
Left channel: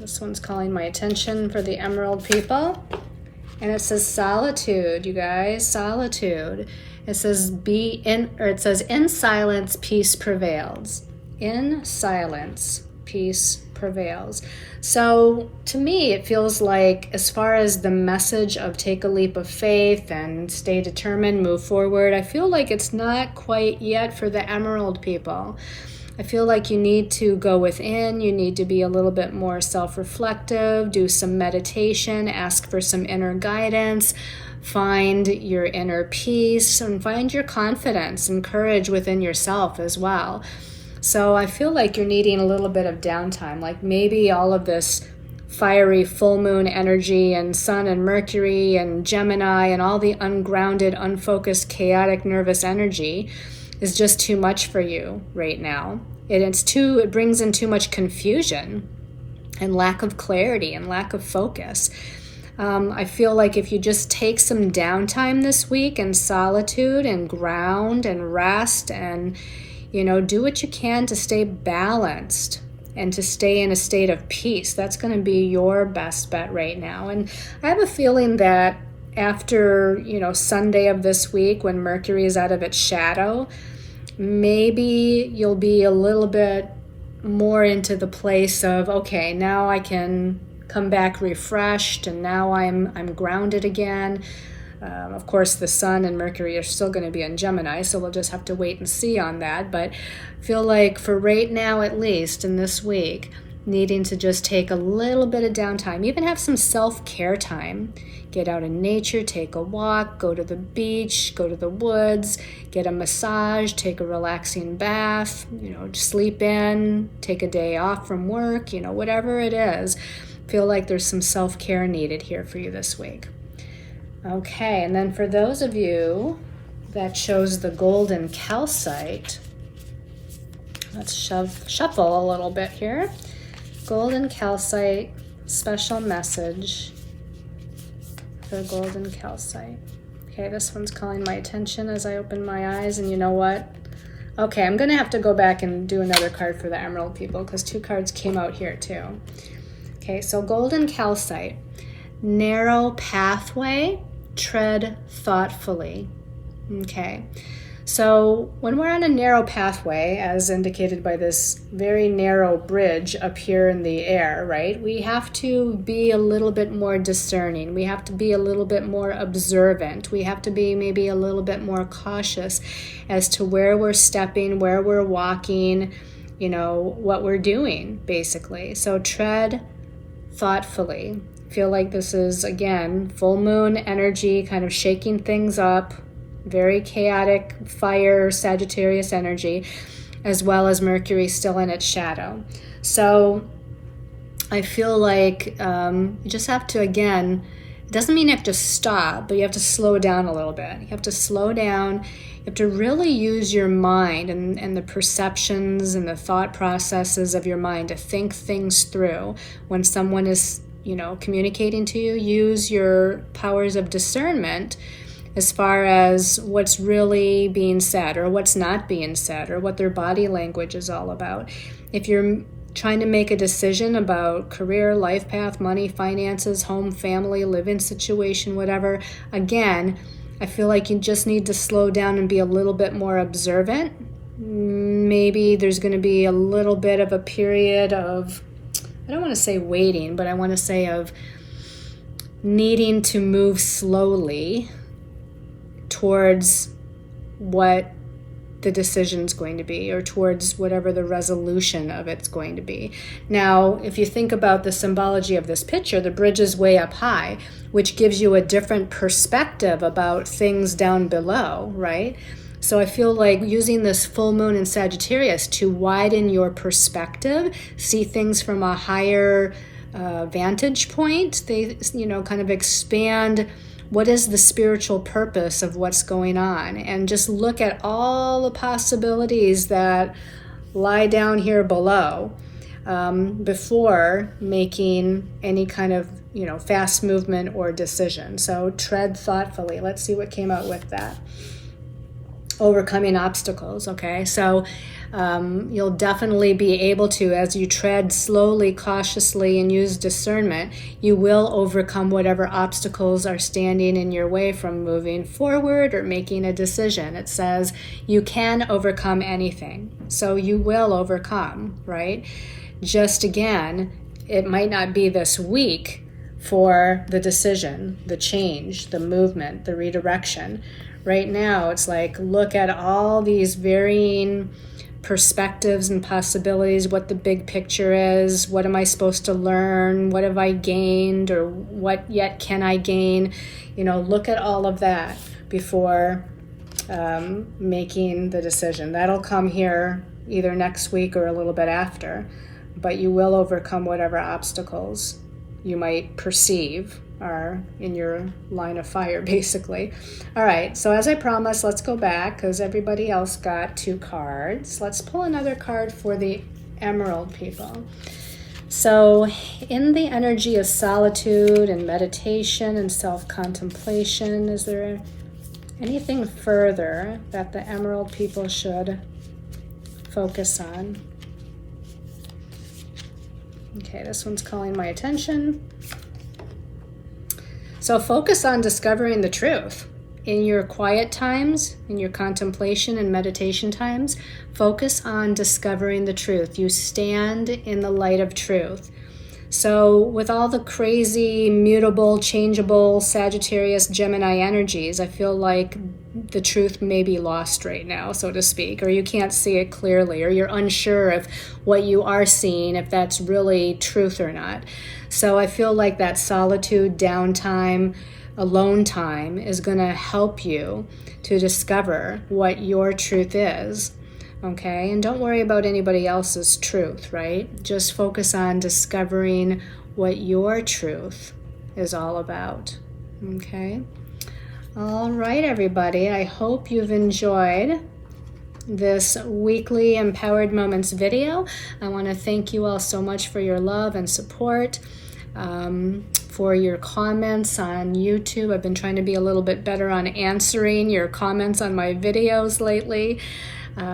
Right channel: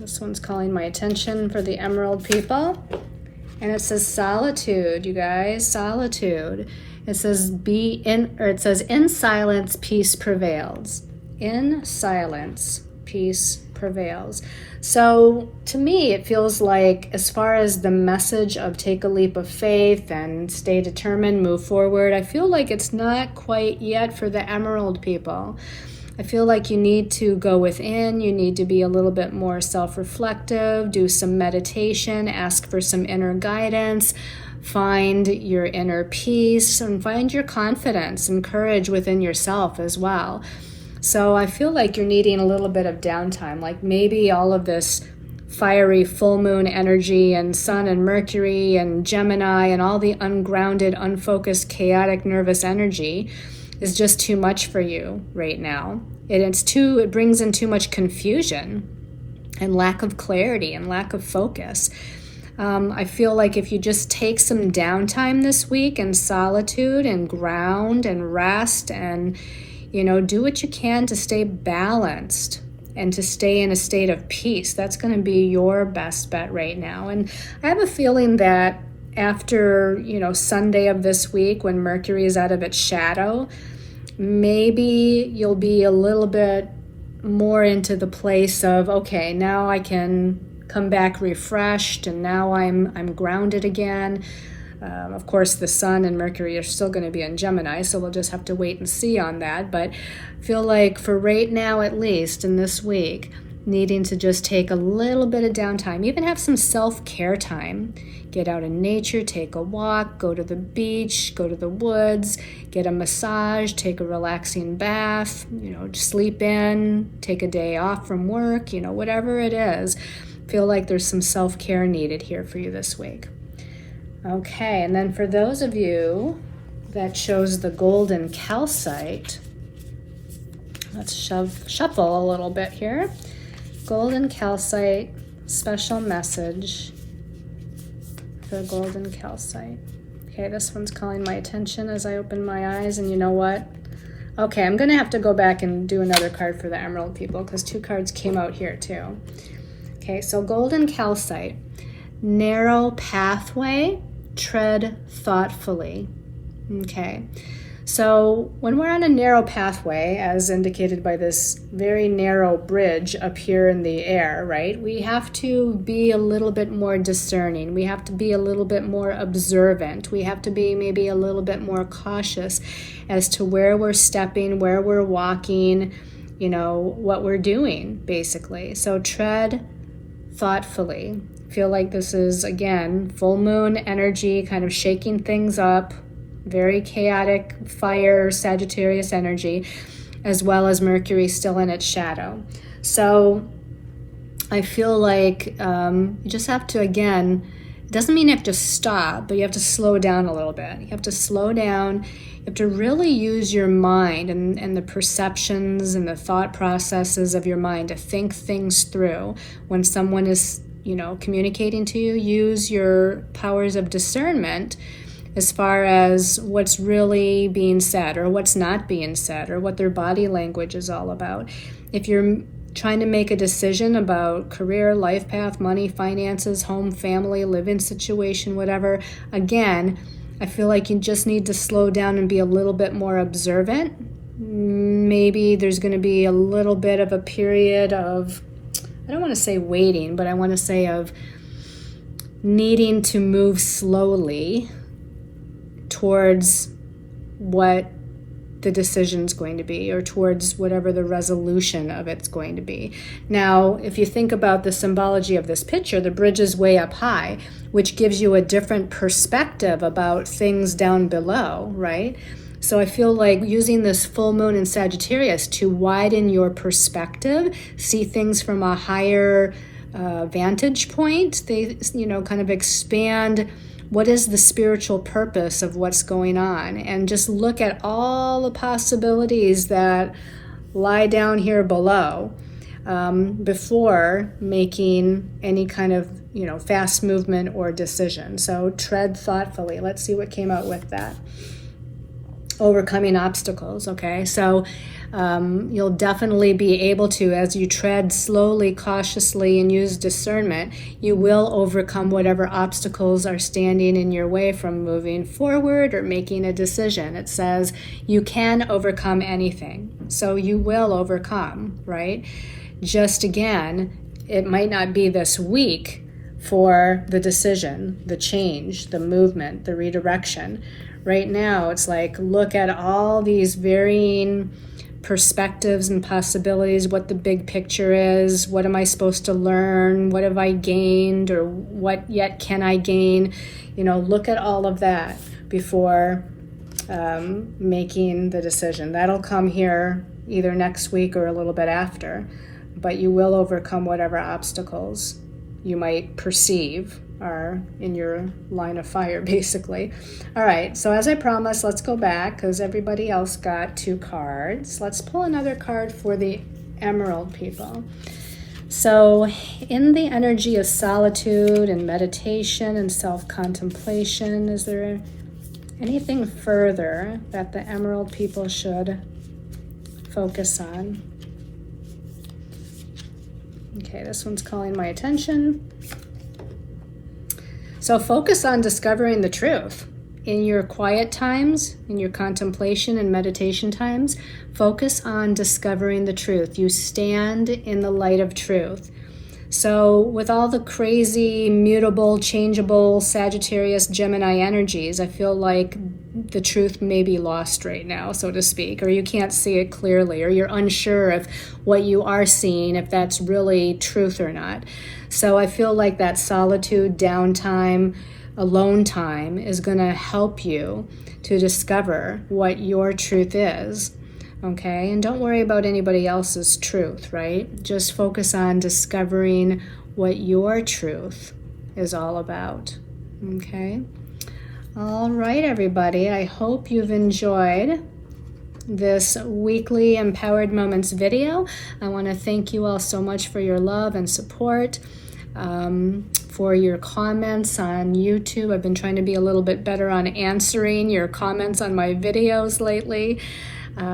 This one's calling my attention for the Emerald people. And it says solitude, you guys, solitude. It says in silence, peace prevails. In silence, peace prevails. So to me, it feels like, as far as the message of take a leap of faith and stay determined, move forward, I feel like it's not quite yet for the Emerald people. I feel like you need to go within, you need to be a little bit more self-reflective, do some meditation, ask for some inner guidance, find your inner peace, and find your confidence and courage within yourself as well. So I feel like you're needing a little bit of downtime, like maybe all of this fiery full moon energy and Sun and Mercury and Gemini and all the ungrounded, unfocused, chaotic, nervous energy is just too much for you right now. It brings in too much confusion and lack of clarity and lack of focus. I feel like if you just take some downtime this week and solitude and ground and rest and do what you can to stay balanced and to stay in a state of peace. That's going to be your best bet right now. And I have a feeling that after, Sunday of this week, when Mercury is out of its shadow, maybe you'll be a little bit more into the place of, okay, now I can come back refreshed, and now I'm grounded again. Of course, the Sun and Mercury are still going to be in Gemini, so we'll just have to wait and see on that. But I feel like for right now, at least in this week, needing to just take a little bit of downtime, even have some self-care time. Get out in nature, take a walk, go to the beach, go to the woods, get a massage, take a relaxing bath, sleep in, take a day off from work, whatever it is. Feel like there's some self-care needed here for you this week. Okay, and then for those of you that chose the golden calcite, let's shuffle a little bit here. Golden calcite, special message for golden calcite. Okay, this one's calling my attention as I open my eyes, and you know what? Okay, I'm going to have to go back and do another card for the Emerald people because 2 cards came out here too. Okay, so golden calcite. Narrow pathway, tread thoughtfully. Okay, so when we're on a narrow pathway, as indicated by this very narrow bridge up here in the air, right, we have to be a little bit more discerning. We have to be a little bit more observant. We have to be maybe a little bit more cautious as to where we're stepping, where we're walking, what we're doing, basically. So tread thoughtfully. Feel like this is, again, full moon energy, kind of shaking things up, very chaotic fire, Sagittarius energy, as well as Mercury still in its shadow. So I feel like you just have to, again, it doesn't mean you have to stop, but you have to slow down a little bit. You have to slow down. You have to really use your mind and the perceptions and the thought processes of your mind to think things through. When someone is, communicating to you, use your powers of discernment as far as what's really being said or what's not being said or what their body language is all about. If you're trying to make a decision about career, life path, money, finances, home, family, living situation, whatever, again, I feel like you just need to slow down and be a little bit more observant. Maybe there's going to be a little bit of a period of, I don't want to say waiting, but I want to say of needing to move slowly towards what the decision's going to be, or towards whatever the resolution of it's going to be. Now, if you think about the symbology of this picture, the bridge is way up high, which gives you a different perspective about things down below, right? So I feel like using this full moon in Sagittarius to widen your perspective, see things from a higher vantage point, they, kind of expand what is the spiritual purpose of what's going on, and just look at all the possibilities that lie down here below before making any kind of fast movement or decision. So tread thoughtfully. Let's see what came out with that. Overcoming obstacles. Okay, so you'll definitely be able to, as you tread slowly, cautiously, and use discernment, you will overcome whatever obstacles are standing in your way from moving forward or making a decision. It says you can overcome anything, so you will overcome, right? Just again, it might not be this week for the decision, the change, the movement, the redirection. Right now, it's like, look at all these varying perspectives and possibilities, what the big picture is, what am I supposed to learn, what have I gained, or what yet can I gain? Look at all of that before making the decision. That'll come here either next week or a little bit after, but you will overcome whatever obstacles you might perceive are in your line of fire, basically. All right, so as I promised, let's go back because everybody else got 2 cards. Let's pull another card for the Emerald people. So in the energy of solitude and meditation and self-contemplation, is there anything further that the Emerald people should focus on? Okay, this one's calling my attention. So focus on discovering the truth. In your quiet times, in your contemplation and meditation times, focus on discovering the truth. You stand in the light of truth. So with all the crazy, mutable, changeable Sagittarius, Gemini energies, I feel like the truth may be lost right now, so to speak, or you can't see it clearly, or you're unsure if what you are seeing, if that's really truth or not. So I feel like that solitude, downtime, alone time is going to help you to discover what your truth is. Okay, and don't worry about anybody else's truth, right? Just focus on discovering what your truth is all about. Okay? All right, everybody. I hope you've enjoyed this weekly Empowered Moments video. I want to thank you all so much for your love and support, for your comments on YouTube. I've been trying to be a little bit better on answering your comments on my videos lately,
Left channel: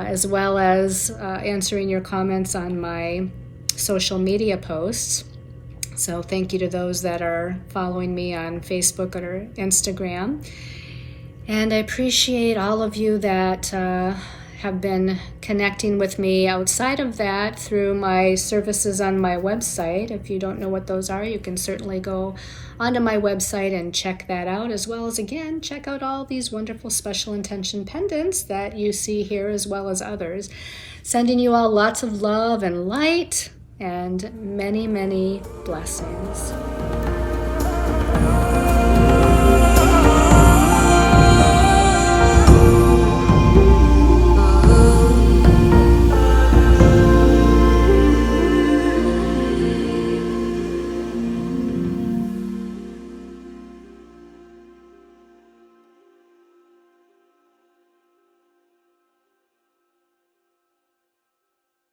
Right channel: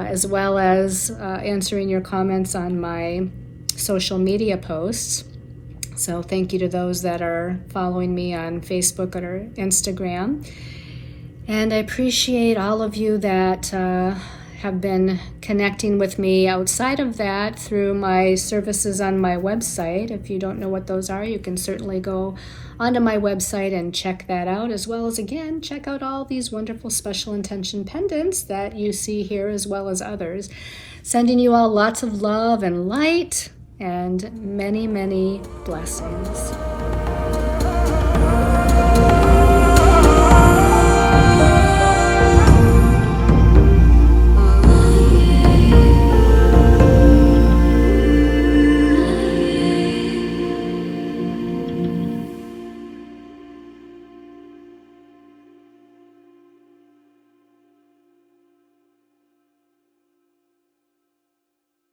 as well as answering your comments on my social media posts. So thank you to those that are following me on Facebook or Instagram. And I appreciate all of you that have been connecting with me outside of that through my services on my website. If you don't know what those are, you can certainly go onto my website and check that out, as well as, again, check out all these wonderful special intention pendants that you see here, as well as others. Sending you all lots of love and light and many, many blessings.